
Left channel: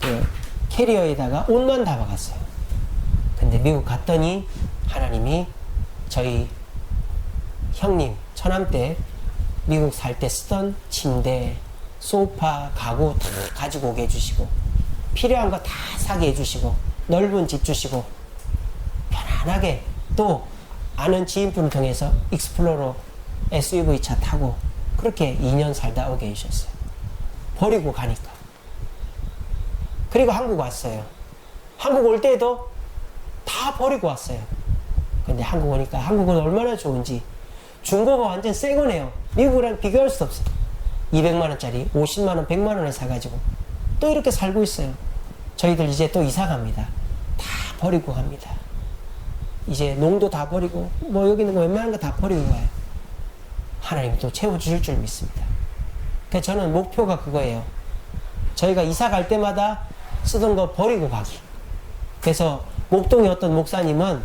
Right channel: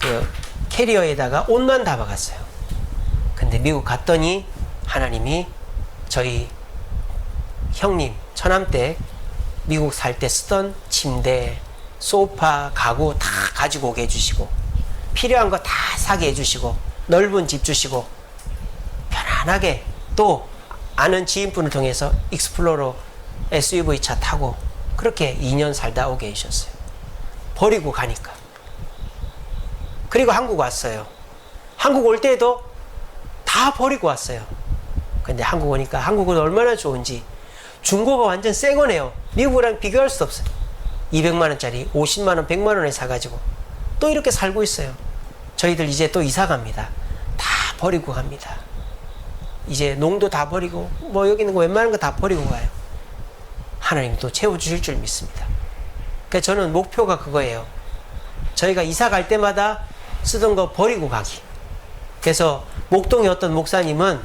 그 캐리어에다가 옷만 담아갔어요. 근데 미국 갔더니 하나님이 저희 형님 처남 때 미국 살 때 쓰던 침대, 소파, 가구 다 가지고 오게 해주시고, 필요한 거 다 사게 해주시고, 넓은 집 주시고, 편안하게 또 아는 지인분을 통해서 익스플로러 SUV 차 타고 그렇게 2년 살다 오게 해주셨어요. 버리고 가니까. 그리고 한국 왔어요. 한국 올 때도 다 버리고 왔어요. 근데 한국 오니까 한국은 얼마나 좋은지 중고가 완전 새 거네요. 미국이랑 비교할 수 없어요. 200만 원짜리 50만 원, 100만 원에 사가지고 또 이렇게 살고 있어요. 저희들 이제 또 이사 갑니다. 다 버리고 갑니다. 이제 농도 다 버리고 뭐 여기 있는 거 웬만한 거 다 버리고 가요. 하나님이 또 채워주실 줄 믿습니다. 그래서 저는 목표가 그거예요. 저희가 이사 갈 때마다 쓰던 거 버리고 가기. 그래서 목동의 어떤 목사님은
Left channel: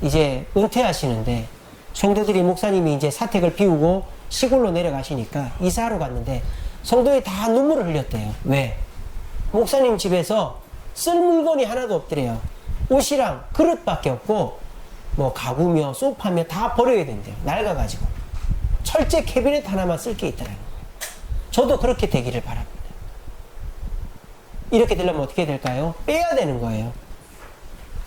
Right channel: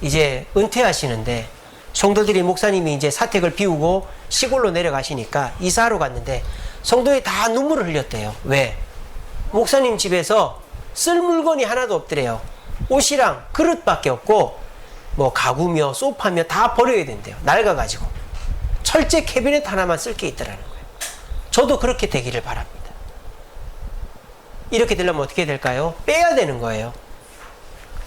이제 은퇴하시는데 성도들이 목사님이 이제 사택을 비우고 시골로 내려가시니까 이사하러 갔는데 성도들이 다 눈물을 흘렸대요. 왜? 목사님 집에서 쓸 물건이 하나도 없더래요. 옷이랑 그릇밖에 없고 뭐 가구며 소파며 다 버려야 된대요. 낡아가지고. 철제 캐비넷 하나만 쓸 게 있더라는 거예요. 저도 그렇게 되기를 바랍니다. 이렇게 되려면 어떻게 될까요? 빼야 되는 거예요.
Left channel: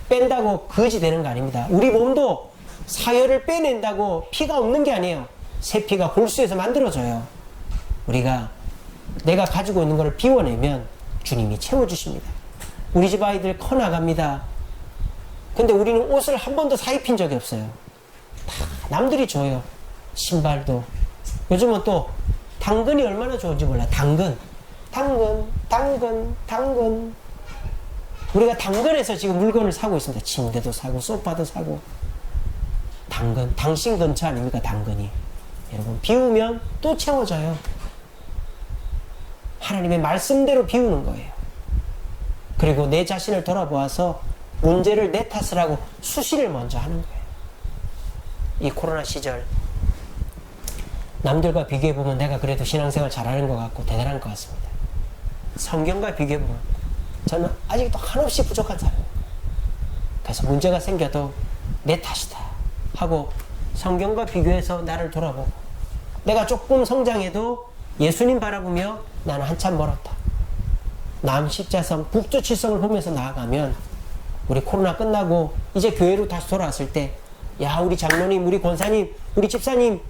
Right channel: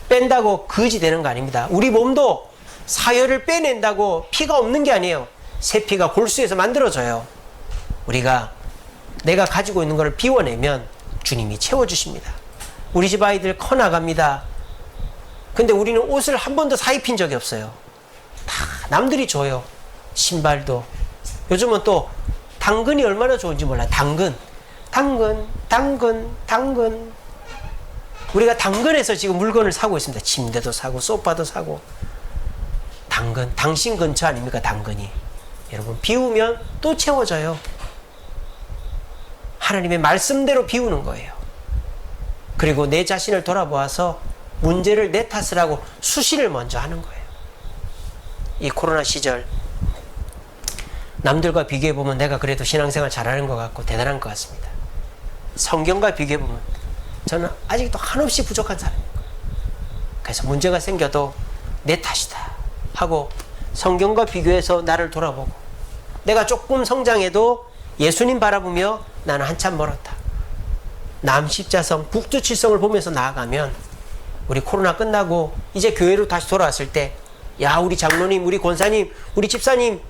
뺀다고 거지 되는 거 아닙니다. 우리 몸도 사혈을 빼낸다고 피가 없는 게 아니에요. 새 피가 골수에서 만들어져요. 우리가 내가 가지고 있는 것을 비워내면 주님이 채워주십니다. 우리 집 아이들 커나갑니다. 근데 우리는 옷을 한 번도 사입힌 적이 없어요. 다 남들이 줘요. 신발도. 요즘은 또 당근이 얼마나 좋은지 몰라요. 당근. 우리가 당근에서 지금 물건을 사고 있습니다. 침대도 사고 소파도 사고. 당근, 당신 근처 아닙니까? 당근이. 여러분 비우면 또 채워져요. 하나님의 말씀대로 비우는 거예요. 그리고 내 자신을 돌아보아서 문제를 내 탓을 하고 수신을 먼저 하는 거예요. 이 코로나 시절 남들과 비교해보면 내가 그래도 신앙생활 잘하는 것 같고 대단한 것 같습니다. 성경과 비교해보면 저는 아직도 한없이 부족한 사람인 거예요. 그래서 문제가 생겨도 내 탓이다 하고 성경과 비교해서 나를 돌아보고 내가 조금 성장해도 예수님 바라보며 나는 한참 멀었다. 남십자성, 북두칠성을 보면서 나아가면 우리 코로나 끝나고 이제 교회로 다시 돌아왔을 때 야 우리 장로님, 우리 권사님, 우리 집사님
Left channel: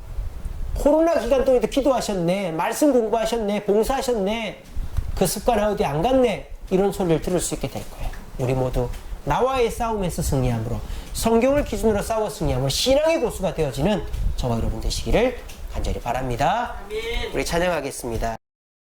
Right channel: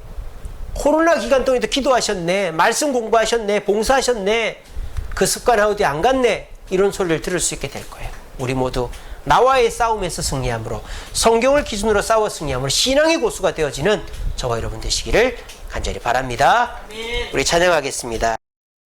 코로나 기간 동안에도 기도하셨네, 말씀 공부하셨네, 봉사하셨네, 그 습관 어디 안 갔네, 이런 소리를 들을 수 있게 될 거예요. 우리 모두 나와의 싸움에서 승리함으로 성경을 기준으로 싸워 승리함으로 신앙의 고수가 되어지는 저와 여러분 되시기를 간절히 바랍니다. 우리 찬양하겠습니다.